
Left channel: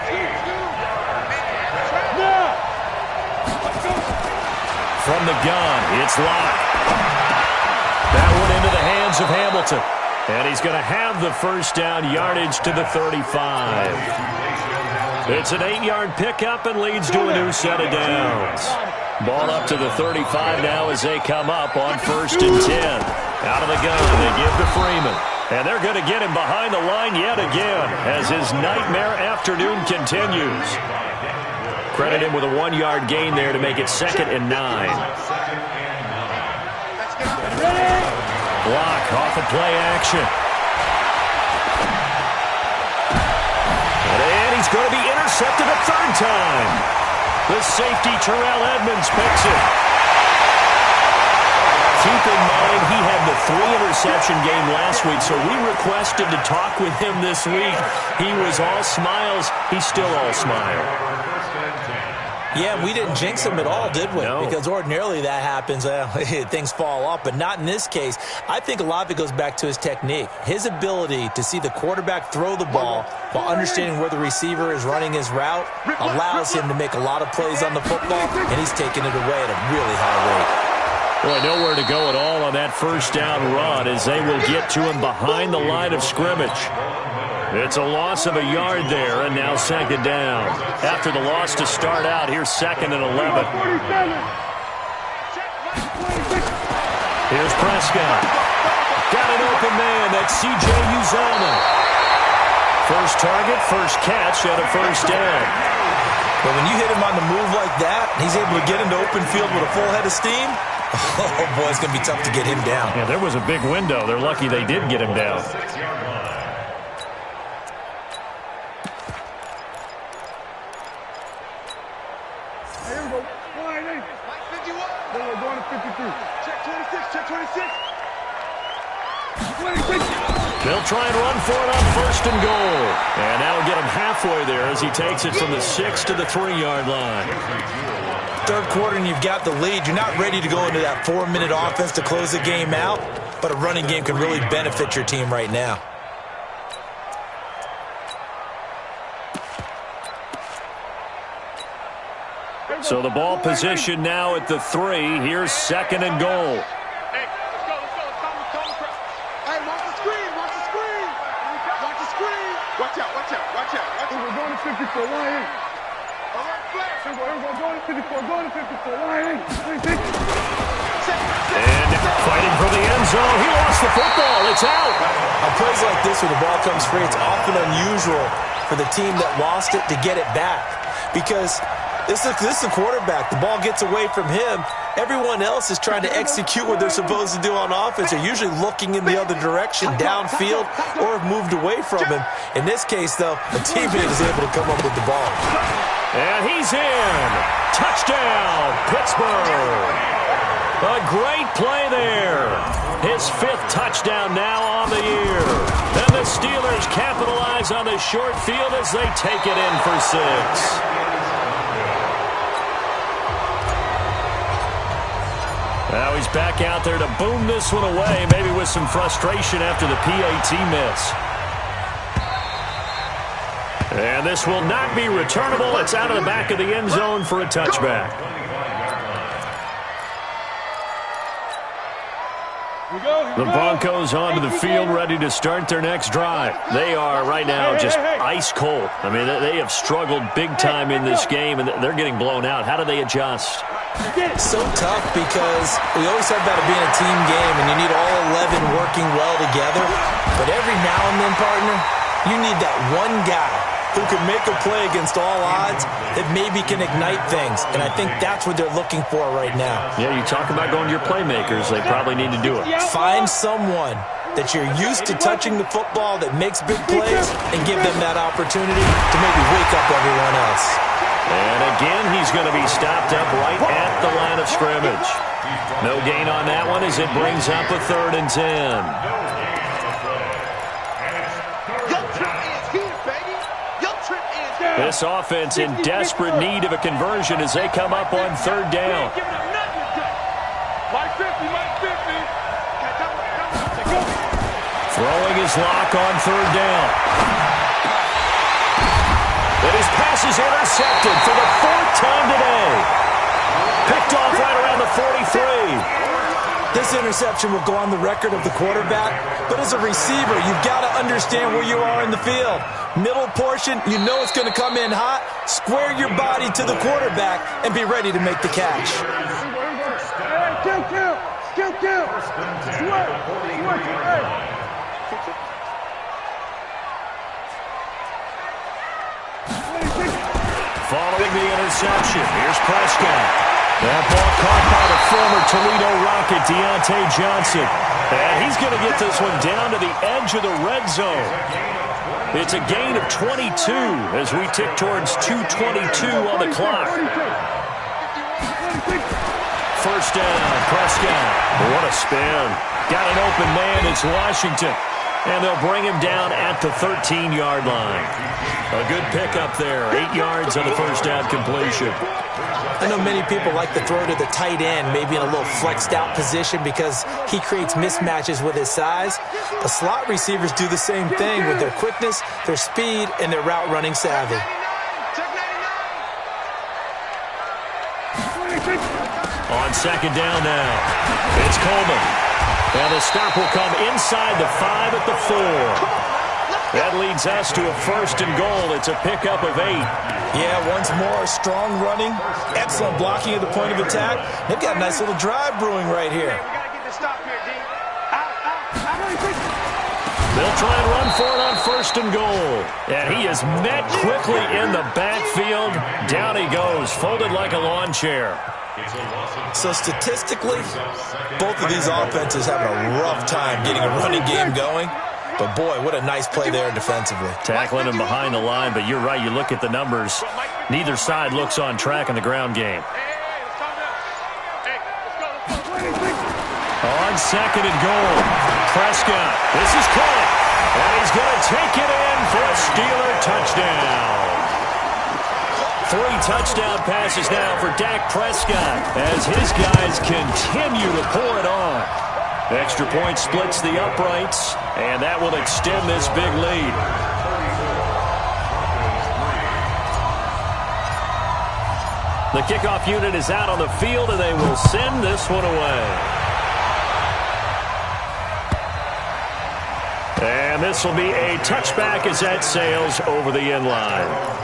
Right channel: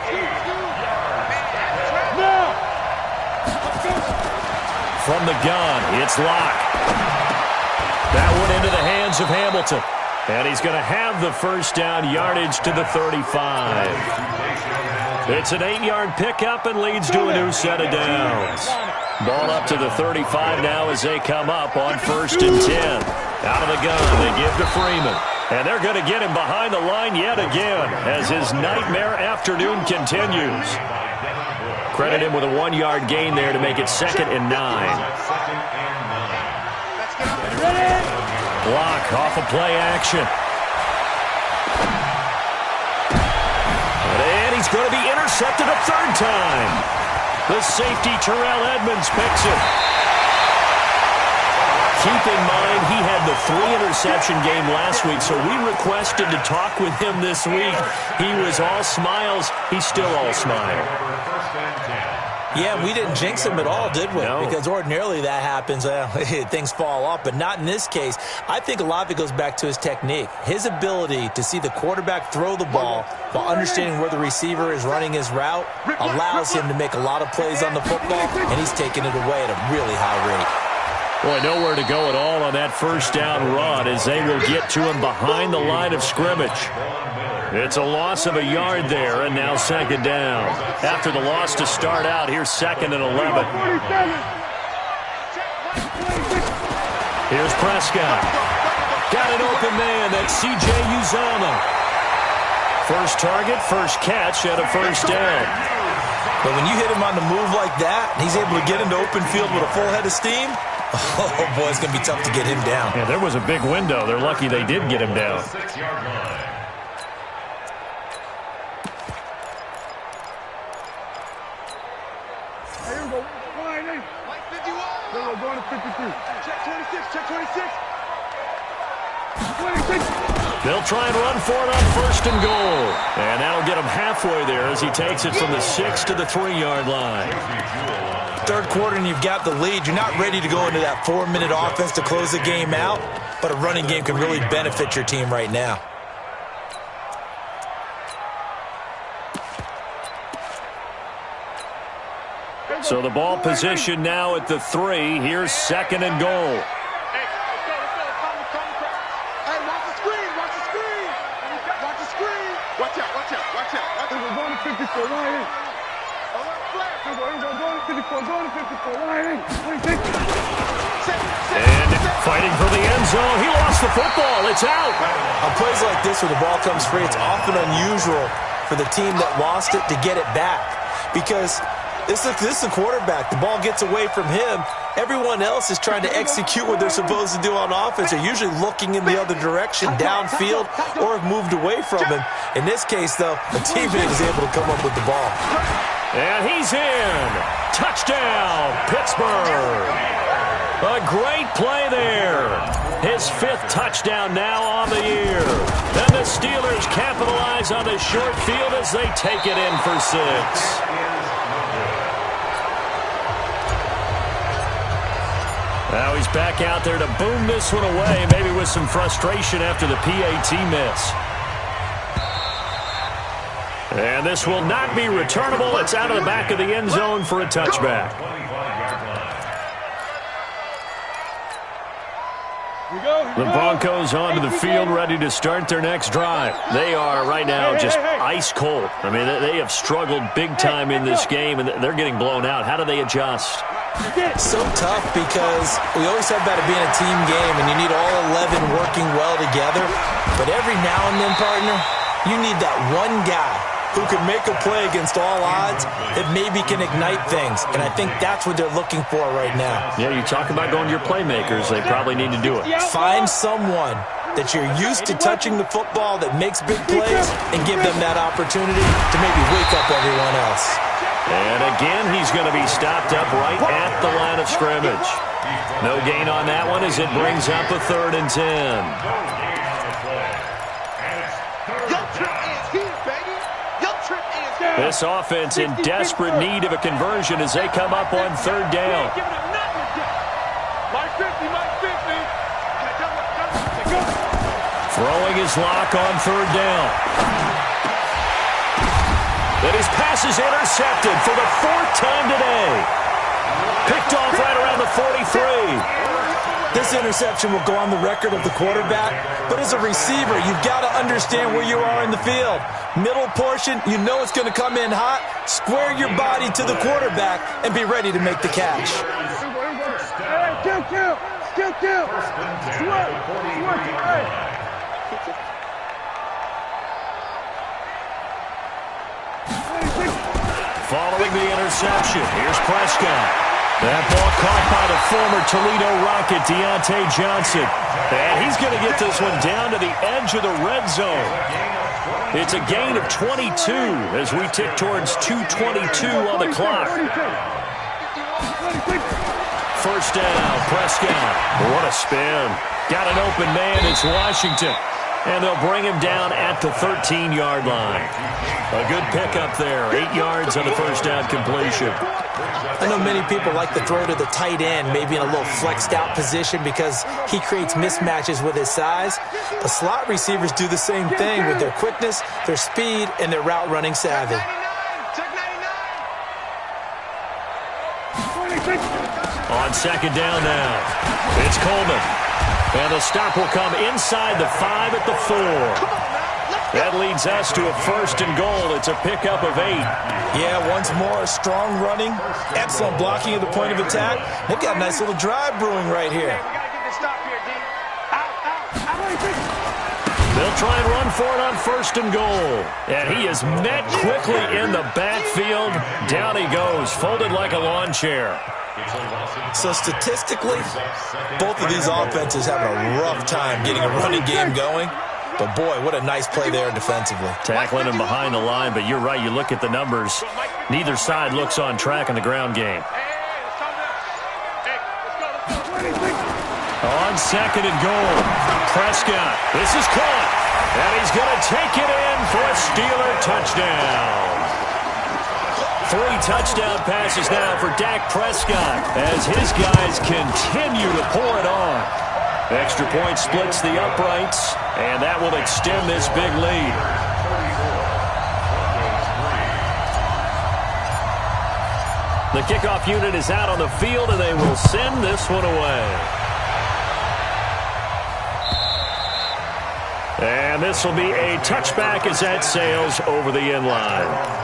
From the gun, it's Locke. That one into the hands of Hamilton. And he's going to have the first down, yardage to the 35. It's an 8-yard pickup and leads to a new set of downs. Ball up to the 35 now as they come up on 1st and 10. Out of the gun, they give to Freeman. And they're going to get him behind the line yet again as his nightmare afternoon continues. Credit him with a 1-yard gain there to make it 2nd and 9. Block off of play action. And he's going to be intercepted a 3rd time. The safety, Terrell Edmonds, picks it. Keep in mind, he had the 3-interception game last week, so we requested to talk with him this week. He was all smiles. He's still all smile. Yeah, we didn't jinx him at all, did we? No. Because ordinarily that happens, things fall off, but not in this case. I think a lot of it goes back to his technique. His ability to see the quarterback throw the ball while understanding where the receiver is running his route allows him to make a lot of plays on the football, and he's taking it away at a really high rate. Boy, nowhere to go at all on that first down run as they will get to him behind the line of scrimmage. It's a loss of a yard there, and now second down. After the loss to start out, here's second and 11. Here's Prescott. Got an open man. That's C.J. Uzomah. First target, first catch, and a first down. But when you hit him on the move like that, and he's able to get into open field with a full head of steam, oh, boy, it's going to be tough to get him down. Yeah, there was a big window. They're lucky they did get him down. Hey, here we go. Line 8. Mike 51. Here we go, going to 53. Check 26, check 26. 26. They'll try and run for it on first and goal. And that'll get him halfway there as he takes it from the 6 to the 3-yard line. Third quarter and you've got the lead. You're not ready to go into that 4-minute offense to close the game out, but a running game can really benefit your team right now. So the ball position now at the 3. Here's second and goal. Hey, let's go. Calm the crowd. Hey, watch the screen. Watch the screen. Watch the screen. Watch out. We're going to 54. Line 8. Alert flare. Here we go. Going to 54. Going to 54. Line 8. And fighting for the end zone. He lost the football. It's out. On plays like this where the ball comes free, it's often unusual for the team that lost it to get it back. Because this is a quarterback. The ball gets away from him. Everyone else is trying to execute what they're supposed to do on offense. They're usually looking in the other direction, downfield, or have moved away from him. In this case, though, a teammate is able to come up with the ball. And he's in. Touchdown, Pittsburgh. A great play there. His 5th touchdown now on the year. And the Steelers capitalize on the short field as they take it in for 6. Now he's back out there to boom this one away, maybe with some frustration after the PAT miss. And this will not be returnable. It's out of the back of the end zone for a touchback. The Broncos onto the field, ready to start their next drive. They are right now just ice cold. I mean, they have struggled big time in this game, and they're getting blown out. How do they adjust? So tough because we always talk about it being a team game, and you need all 11 working well together. But every now and then, partner, you need that one guy who can make a play against all odds that maybe can ignite things. And I think that's what they're looking for right now. Yeah, you talk about going to your playmakers. They probably need to do it. Find someone that you're used to touching the football that makes big plays and give them that opportunity to maybe wake up everyone else. And again, he's going to be stopped up right at the line of scrimmage. No gain on that one as it brings up a 3rd and 10. This offense in desperate need of a conversion as they come up on 3rd down. Throwing his lock on 3rd down. And his pass is intercepted for the 4th time today. Picked off right around the 43. This interception will go on the record of the quarterback, but as a receiver, you've got to understand where you are in the field. Middle portion, you know it's going to come in hot. Square your body to the quarterback and be ready to make the catch. Following the interception, here's Prescott. That ball caught by the former Toledo Rocket, Deontay Johnson. And he's going to get this one down to the edge of the red zone. It's a gain of 22 as we tick towards 2:22 on the clock. First down, Prescott. What a spin. Got an open man, it's Washington. And they'll bring him down at the 13-yard line. A good pickup there, 8 yards on the first down completion. I know many people like to throw to the tight end, maybe in a little flexed out position because he creates mismatches with his size. But slot receivers do the same thing with their quickness, their speed, and their route running savvy. On second down now, it's Coleman. And the stop will come inside the 5 at the 4. That leads us to a 1st and goal. It's a pickup of 8. Yeah, once more, strong running, excellent blocking at the point of attack. They've got a nice little drive brewing right here. We got to get this stop here, D. Out. They'll try and run for it on 1st and goal. And he is met quickly in the backfield. Down he goes, folded like a lawn chair. So statistically, both of these offenses having a rough time getting a running game going. But, boy, what a nice play there defensively. Tackling him behind the line, but you're right. You look at the numbers. Neither side looks on track in the ground game. On 2nd and goal, Prescott. This is caught. And he's going to take it in for a Steeler touchdown. 3 touchdown passes now for Dak Prescott as his guys continue to pour it on. Extra point splits the uprights, and that will extend this big lead. The kickoff unit is out on the field, and they will send this one away. And this will be a touchback as that sails over the end line.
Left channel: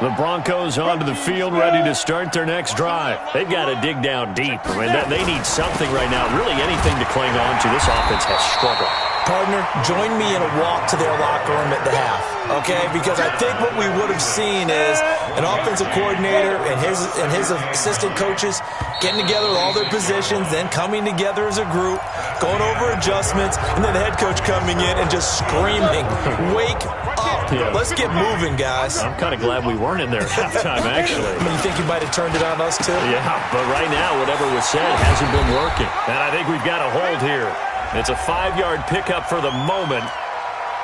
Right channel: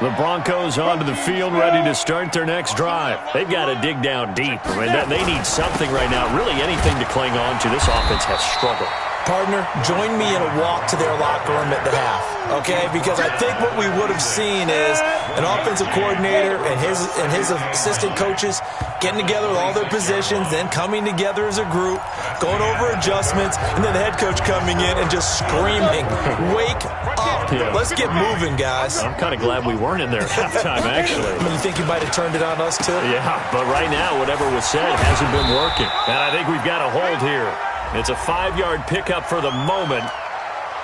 The Broncos onto the field, ready to start their next drive. They've got to dig down deep. I mean, they need something right now, really anything to cling on to. This offense has struggled. Partner, join me in a walk to their locker room at the half, okay? Because I think what we would have seen is an offensive coordinator and his assistant coaches getting together with all their positions, then coming together as a group, going over adjustments, and then the head coach coming in and just screaming, "Wake up. Yeah. Let's get moving, guys." I'm kind of glad we weren't in there at halftime, actually. You think you might have turned it on us, too? Yeah, but right now, whatever was said hasn't been working. And I think we've got a hold here. It's a 5-yard pickup for the moment.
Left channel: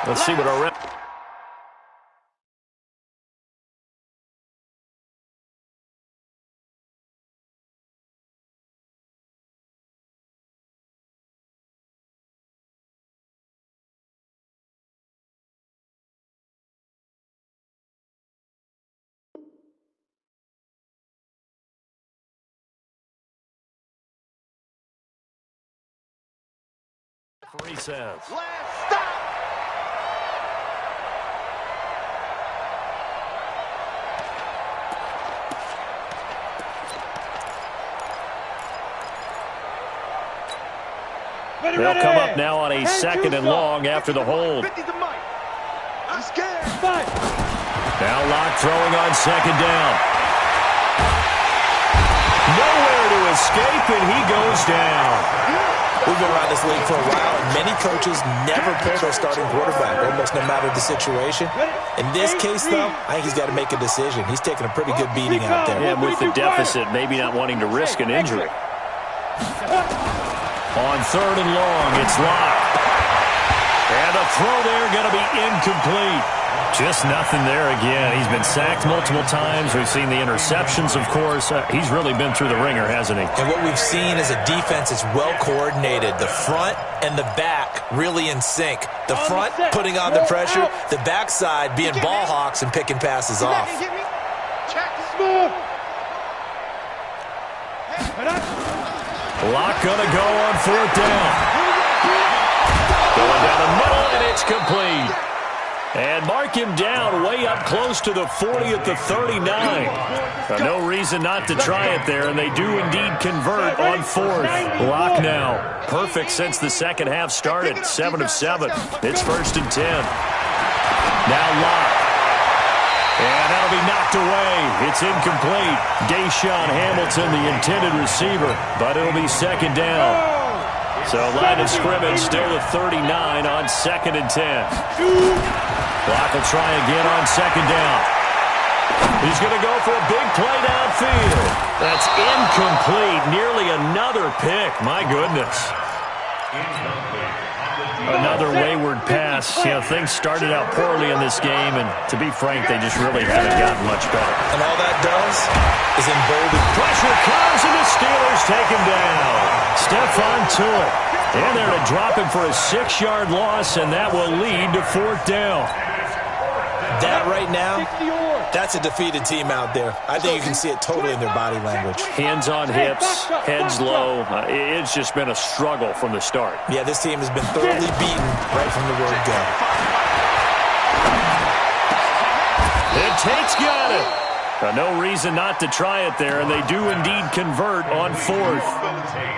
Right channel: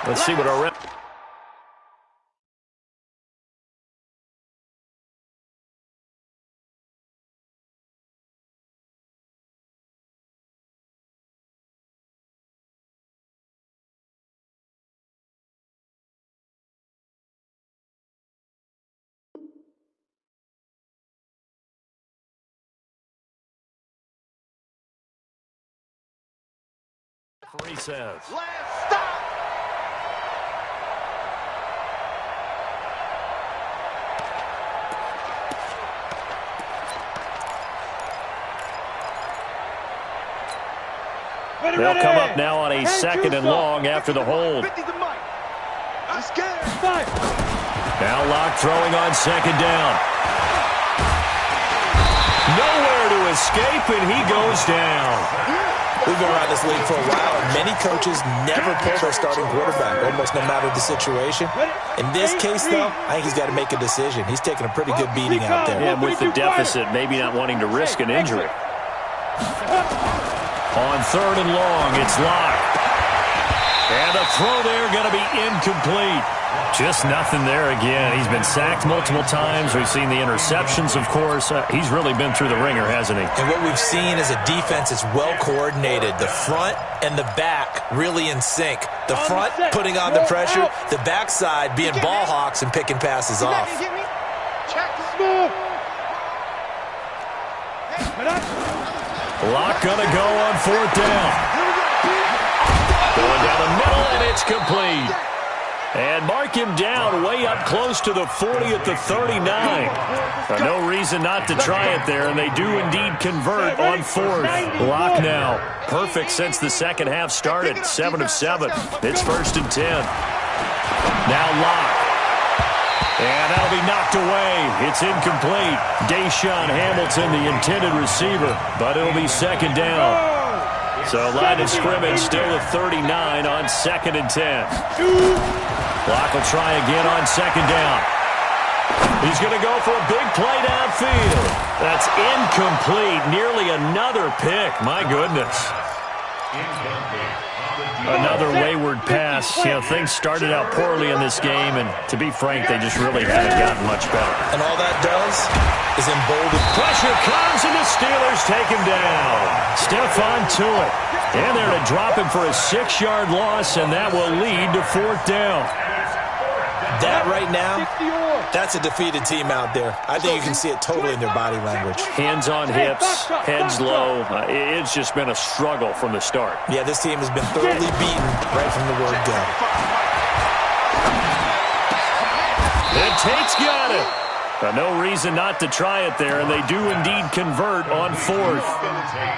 Let's see what our rep. He says. Last stop. They'll come up now on a 2nd and long after the hold. I'm scared. Now Locke throwing on 2nd down. Nowhere to escape, and he goes down. We've been around this league for a while, and many coaches never pull their starting quarterback, almost no matter the situation. In this case, though, I think he's got to make a decision. He's taking a pretty good beating out there. Yeah, with the deficit, maybe not wanting to risk an injury. On 3rd and long, it's Locke. And the throw there going to be incomplete. Just nothing there again. He's been sacked multiple times. We've seen the interceptions, of course. He's really been through the ringer, hasn't he? And what we've seen is a defense that's well coordinated. The front and the back really in sync. The front putting on the pressure. The backside being ball hawks and picking passes off. Check the smooth. Locke going to go on 4th down. Going down the middle, and it's complete. And mark him down way up close to the 40 at the 39. No reason not to try it there, and they do indeed convert on 4th. Locke now. Perfect since the second half started. 7 of 7. It's 1st and 10. Now Locke. And that'll be knocked away. It's incomplete. Deshaun Hamilton, the intended receiver, but it'll be 2nd down. So line of scrimmage still the 39 on 2nd and 10. Locke will try again on 2nd down. He's going to go for a big play downfield. That's incomplete. Nearly another pick. My goodness. Another wayward pass. You know, things started out poorly in this game, and to be frank, they just really haven't gotten much better. And all that does is embolden. Pressure comes, and the Steelers take him down. Stephon Tuitt. And they're to drop him for a 6-yard loss, and that will lead to 4th down. That right now, that's a defeated team out there. I think you can see it totally in their body language. Hands on hips, heads low. It's just been a struggle from the start. Yeah, this team has been thoroughly beaten right from the word go. And Tate's got it. No reason not to try it there, and they do indeed convert on fourth.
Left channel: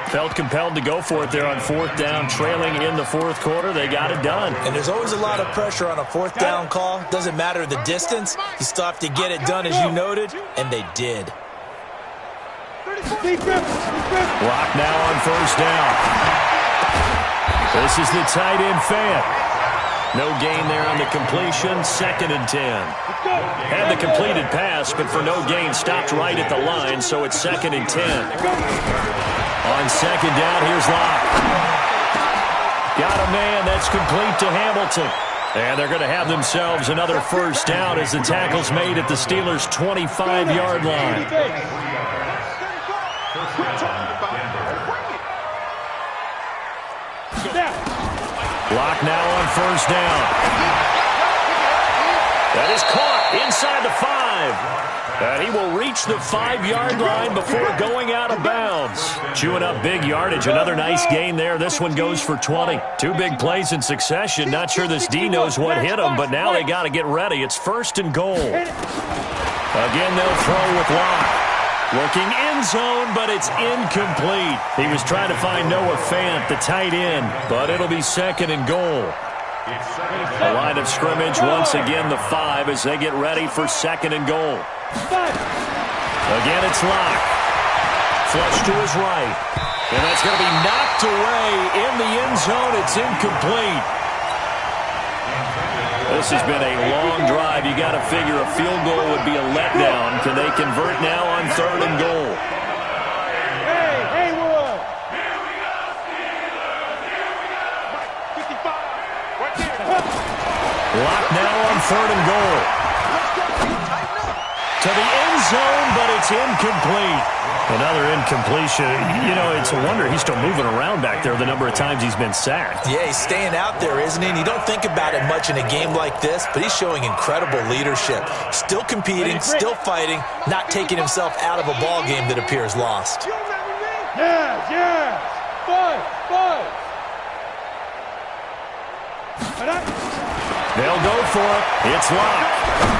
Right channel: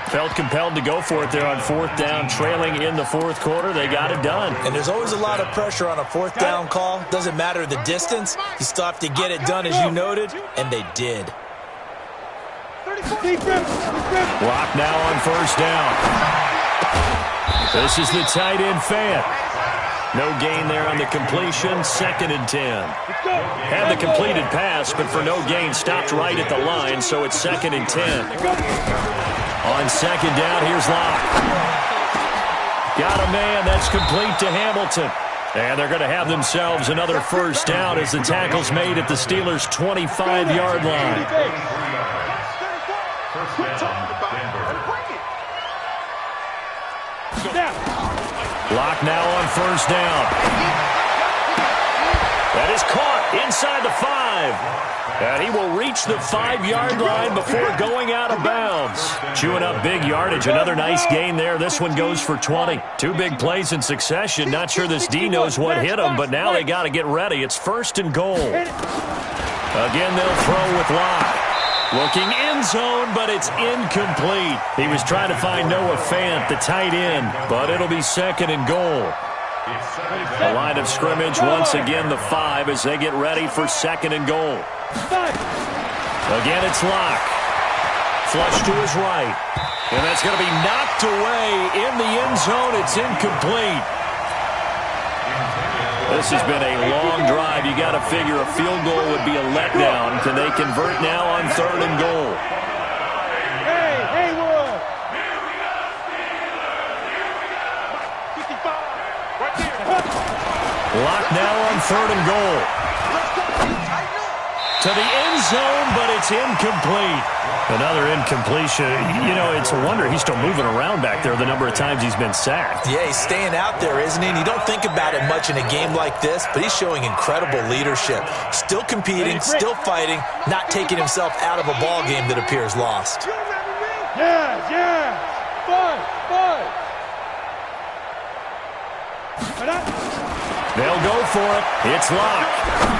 Felt compelled to go for it there on fourth down, trailing in the fourth quarter. They got it done. And there's always a lot of pressure on a fourth down call. Doesn't matter the distance. You still have to get it done, as you noted, and they did. Block now on first down. This is the tight end fan. No gain there on the completion, 2nd and 10. Had the completed pass, but for no gain, stopped right at the line, so it's 2nd and 10. On second down, here's Locke. Got a man, that's complete to Hamilton. And they're going to have themselves another first down as the tackle's made at the Steelers' 25-yard line. Block now on first down. That is caught inside the 5. And he will reach the 5-yard line before going out of bounds. Chewing up big yardage. Another nice gain there. This one goes for 20. 2 big plays in succession. Not sure this D knows what hit him, but now they got to get ready. It's 1st and goal. Again, they'll throw with Locke. Looking end zone, but it's incomplete. He was trying to find Noah Fant, the tight end, but it'll be 2nd and goal. The line of scrimmage, once again, the 5 as they get ready for 2nd and goal. Again, it's Locke. Flush to his right. And that's going to be knocked away in the end zone. It's incomplete. This has been a long drive. You got to figure a field goal would be a letdown. Can they convert now on 3rd and goal? Hey, Haywood! Lock now on 3rd and goal. To the end zone, but it's incomplete. Another incompletion. You know, it's a wonder he's still moving around back there the number of times he's been sacked. Yeah, he's staying out there, isn't he? And you don't think about it much in a game like this, but he's showing incredible leadership. Still competing, still fighting, not taking himself out of a ball game that appears lost. Yes. Fight. They'll go for it. It's Locke.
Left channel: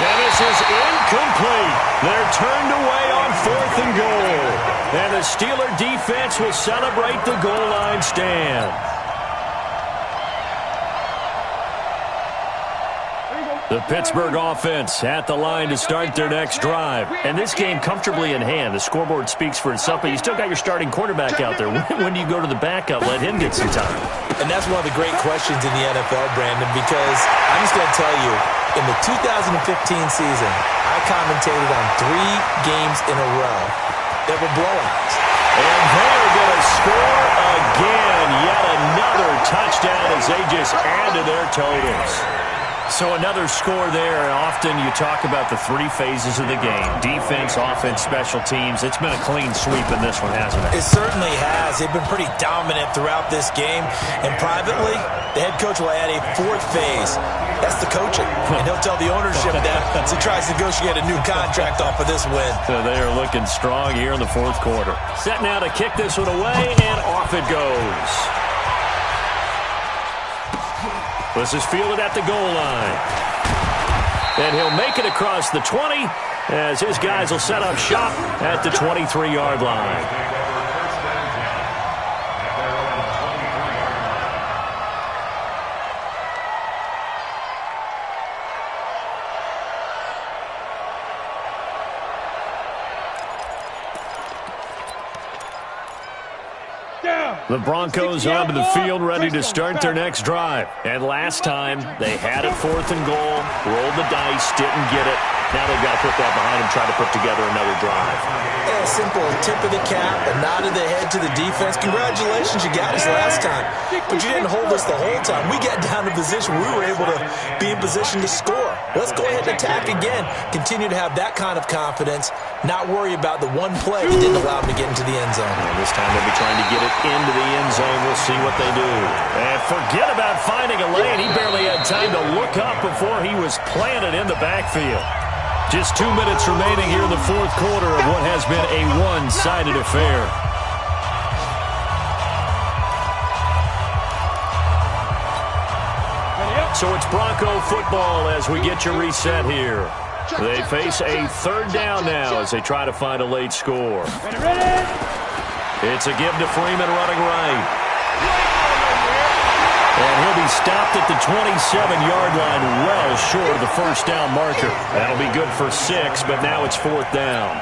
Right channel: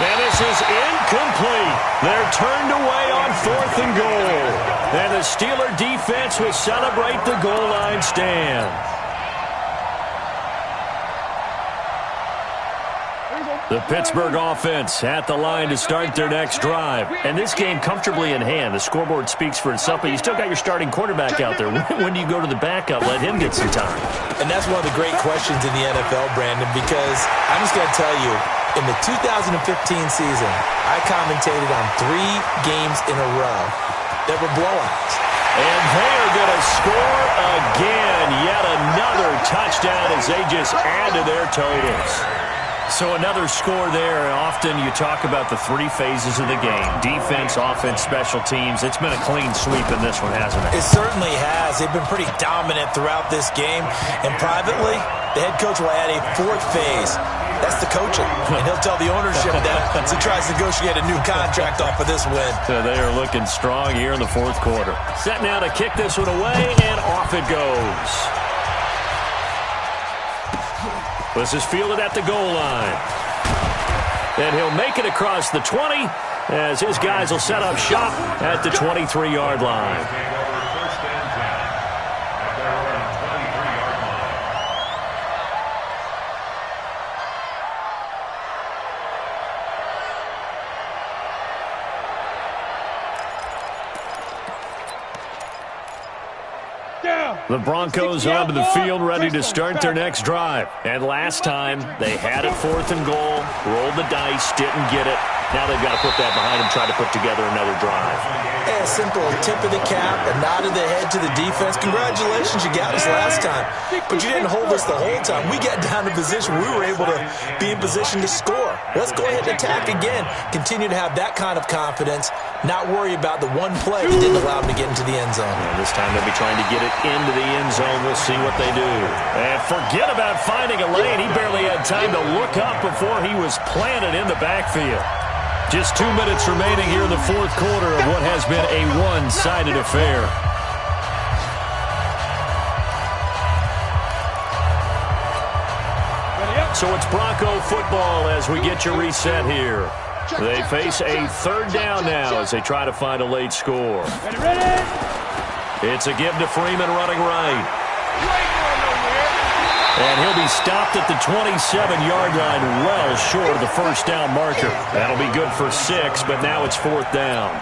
And this is incomplete. They're turned away on 4th and goal. And the Steeler defense will celebrate the goal line stand. The Pittsburgh offense at the line to start their next drive. And this game comfortably in hand. The scoreboard speaks for itself, but you still got your starting quarterback out there. When do you go to the backup? Let him get some time. And that's one of the great questions in the NFL, Brandon, because I'm just going to tell you, in the 2015 season, I commentated on 3 games in a row that were blowouts. And they are going to score again. Yet another touchdown as they just add to their totals. So another score there. Often you talk about the 3 phases of the game. Defense, offense, special teams. It's been a clean sweep in this one, hasn't it? It certainly has. They've been pretty dominant throughout this game. And privately, the head coach will add a 4th phase. That's the coaching. And he'll tell the ownership that as he tries to negotiate a new contract off of this win. So they are looking strong here in the 4th quarter. Set now to kick this one away, and off it goes. This is fielded at the goal line. And he'll make it across the 20 as his guys will set up shop at the 23-yard line. The Broncos onto the field ready to start their next drive. And last time, they had it 4th and goal, rolled the dice, didn't get it. Now they've got to put that behind them, try to put together another drive. Yeah, simple tip of the cap, a nod of the head to the defense. Congratulations, you got us last time. But you didn't hold us the whole time. We got down to position. We were able to be in position to score. Let's go ahead and attack again. Continue to have that kind of confidence, not worry about the one play that didn't allow them to get into the end zone. And this time they'll be trying to get it into the end zone. We'll see what they do. And forget about finding a lane. He barely had time to look up before he was planted in the backfield. Just 2 minutes remaining here in the fourth quarter of what has been a one-sided affair. So it's Bronco football as we get you reset here. They face a third down now as they try to find a late score. It's a give to Freeman running right. And he'll be stopped at the 27-yard line well short of the first down marker. That'll be good for 6, but now it's fourth down.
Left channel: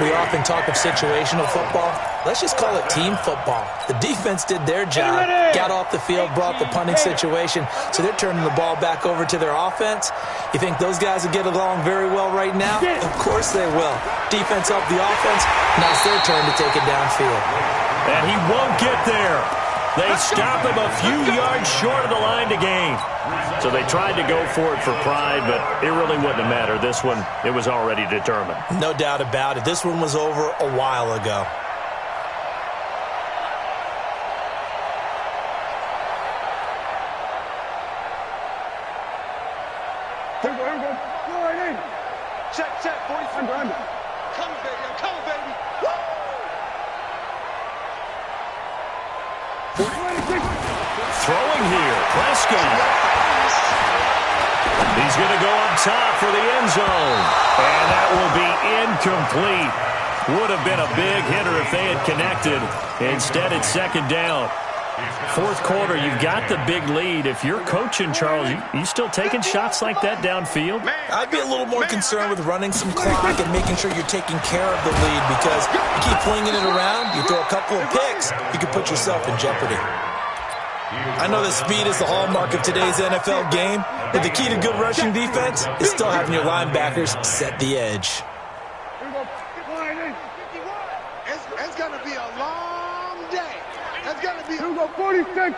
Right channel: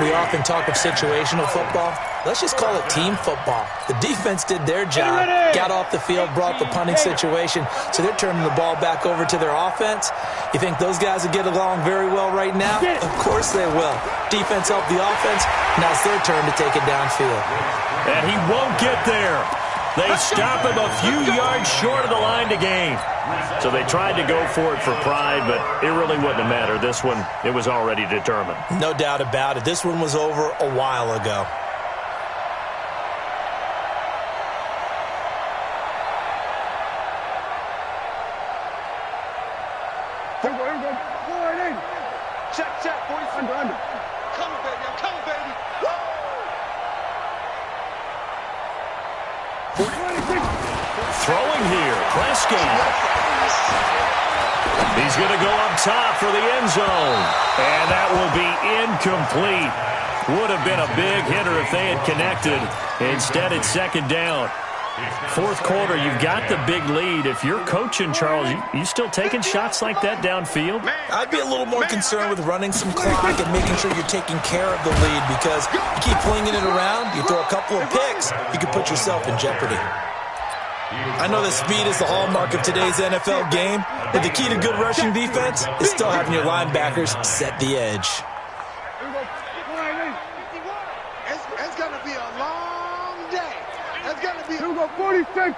We often talk of situational football. Let's just call it team football. The defense did their job, got off the field, brought the punting situation, so they're turning the ball back over to their offense. You think those guys will get along very well right now? Of course they will. Defense helped the offense. Now it's their turn to take it downfield. And he won't get there. They stop him a few yards short of the line to gain. So they tried to go for it for pride, but it really wouldn't have mattered. This one, it was already determined. No doubt about it. This one was over a while ago. Here we go. Go ahead in. Check, boys. Under. Coming, baby. I'm coming, baby. Woo! 46. Throwing here, Prescott. He's going to go up top for the end zone. And that will be incomplete. Would have been a big hitter if they had connected. Instead, it's second down. Fourth quarter, you've got the big lead. If you're coaching, Charles, you still taking shots like that downfield? I'd be a little more concerned with running some clock and making sure you're taking care of the lead, because you keep flinging it around, you throw a couple of picks, you can put yourself in jeopardy. I know that speed is the hallmark of today's NFL game, but the key to good rushing defense is still having your linebackers set the edge. It's going to be a long day. It's going to be 46.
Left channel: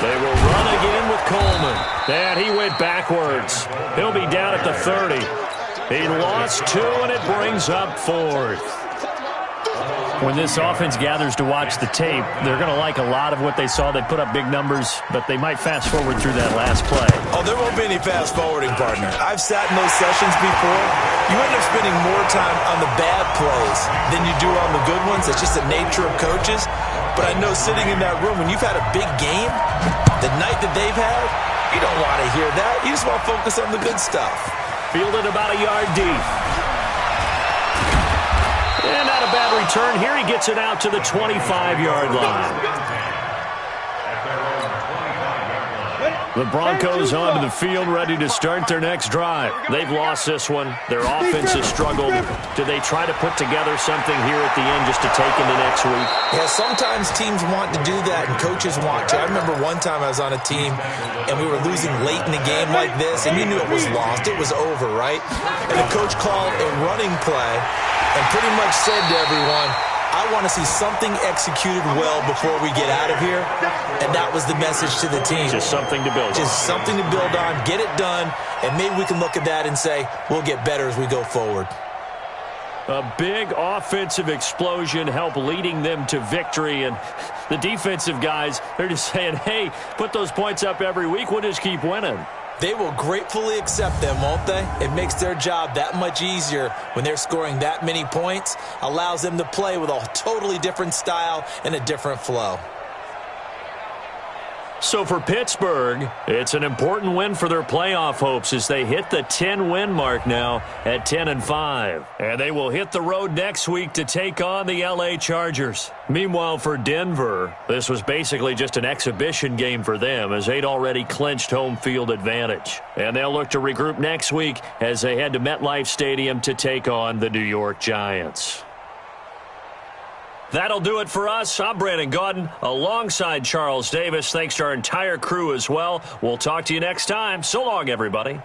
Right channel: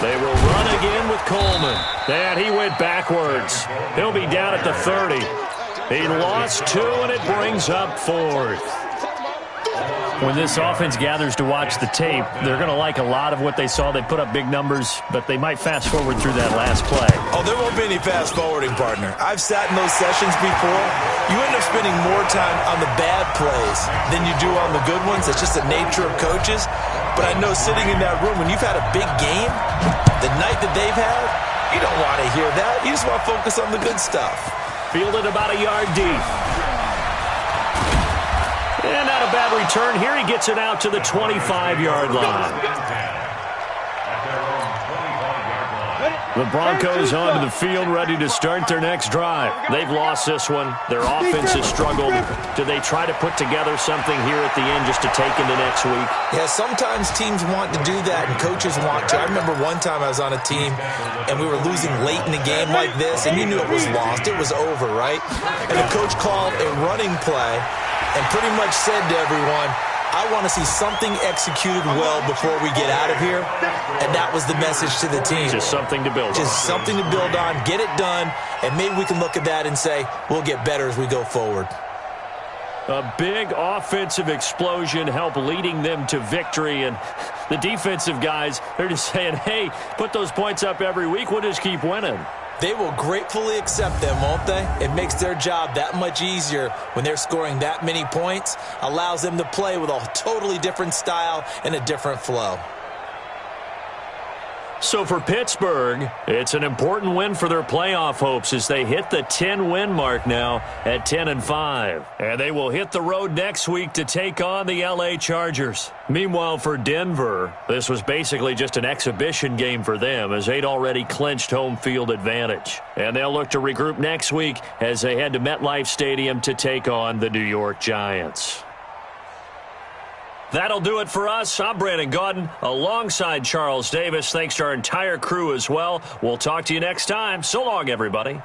They will run again with Coleman. And he went backwards. He'll be down at the 30. He lost 2, and it brings up 4th. When this offense gathers to watch the tape, they're going to like a lot of what they saw. They put up big numbers, but they might fast forward through that last play. Oh, there won't be any fast forwarding, partner. I've sat in those sessions before. You end up spending more time on the bad plays than you do on the good ones. It's just the nature of coaches. But I know sitting in that room, when you've had a big game, the night that they've had, you don't want to hear that. You just want to focus on the good stuff. Fielded about a yard deep. And not a bad return here. He gets it out to the 25-yard line. The Broncos onto the field, ready to start their next drive. They've lost this one. Their offense has struggled. Do they try to put together something here at the end just to take into next week? Yeah, sometimes teams want to do that, and coaches want to. I remember one time I was on a team, and we were losing late in the game like this, and you knew it was lost. It was over, right? And the coach called a running play and pretty much said to everyone, I want to see something executed well before we get out of here. And that was the message to the team. Just something to build on. Just something to build on, get it done, and maybe we can look at that and say, we'll get better as we go forward. A big offensive explosion helped leading them to victory. And the defensive guys, they're just saying, hey, put those points up every week. We'll just keep winning. They will gratefully accept them, won't they? It makes their job that much easier when they're scoring that many points. Allows them to play with a totally different style and a different flow. So for Pittsburgh, it's an important win for their playoff hopes as they hit the 10-win mark now at 10-5. And they will hit the road next week to take on the LA Chargers. Meanwhile, for Denver, this was basically just an exhibition game for them as they'd already clinched home field advantage. And they'll look to regroup next week as they head to MetLife Stadium to take on the New York Giants. That'll do it for us. I'm Brandon Gaudin alongside Charles Davis. Thanks to our entire crew as well. We'll talk to you next time. So long, everybody.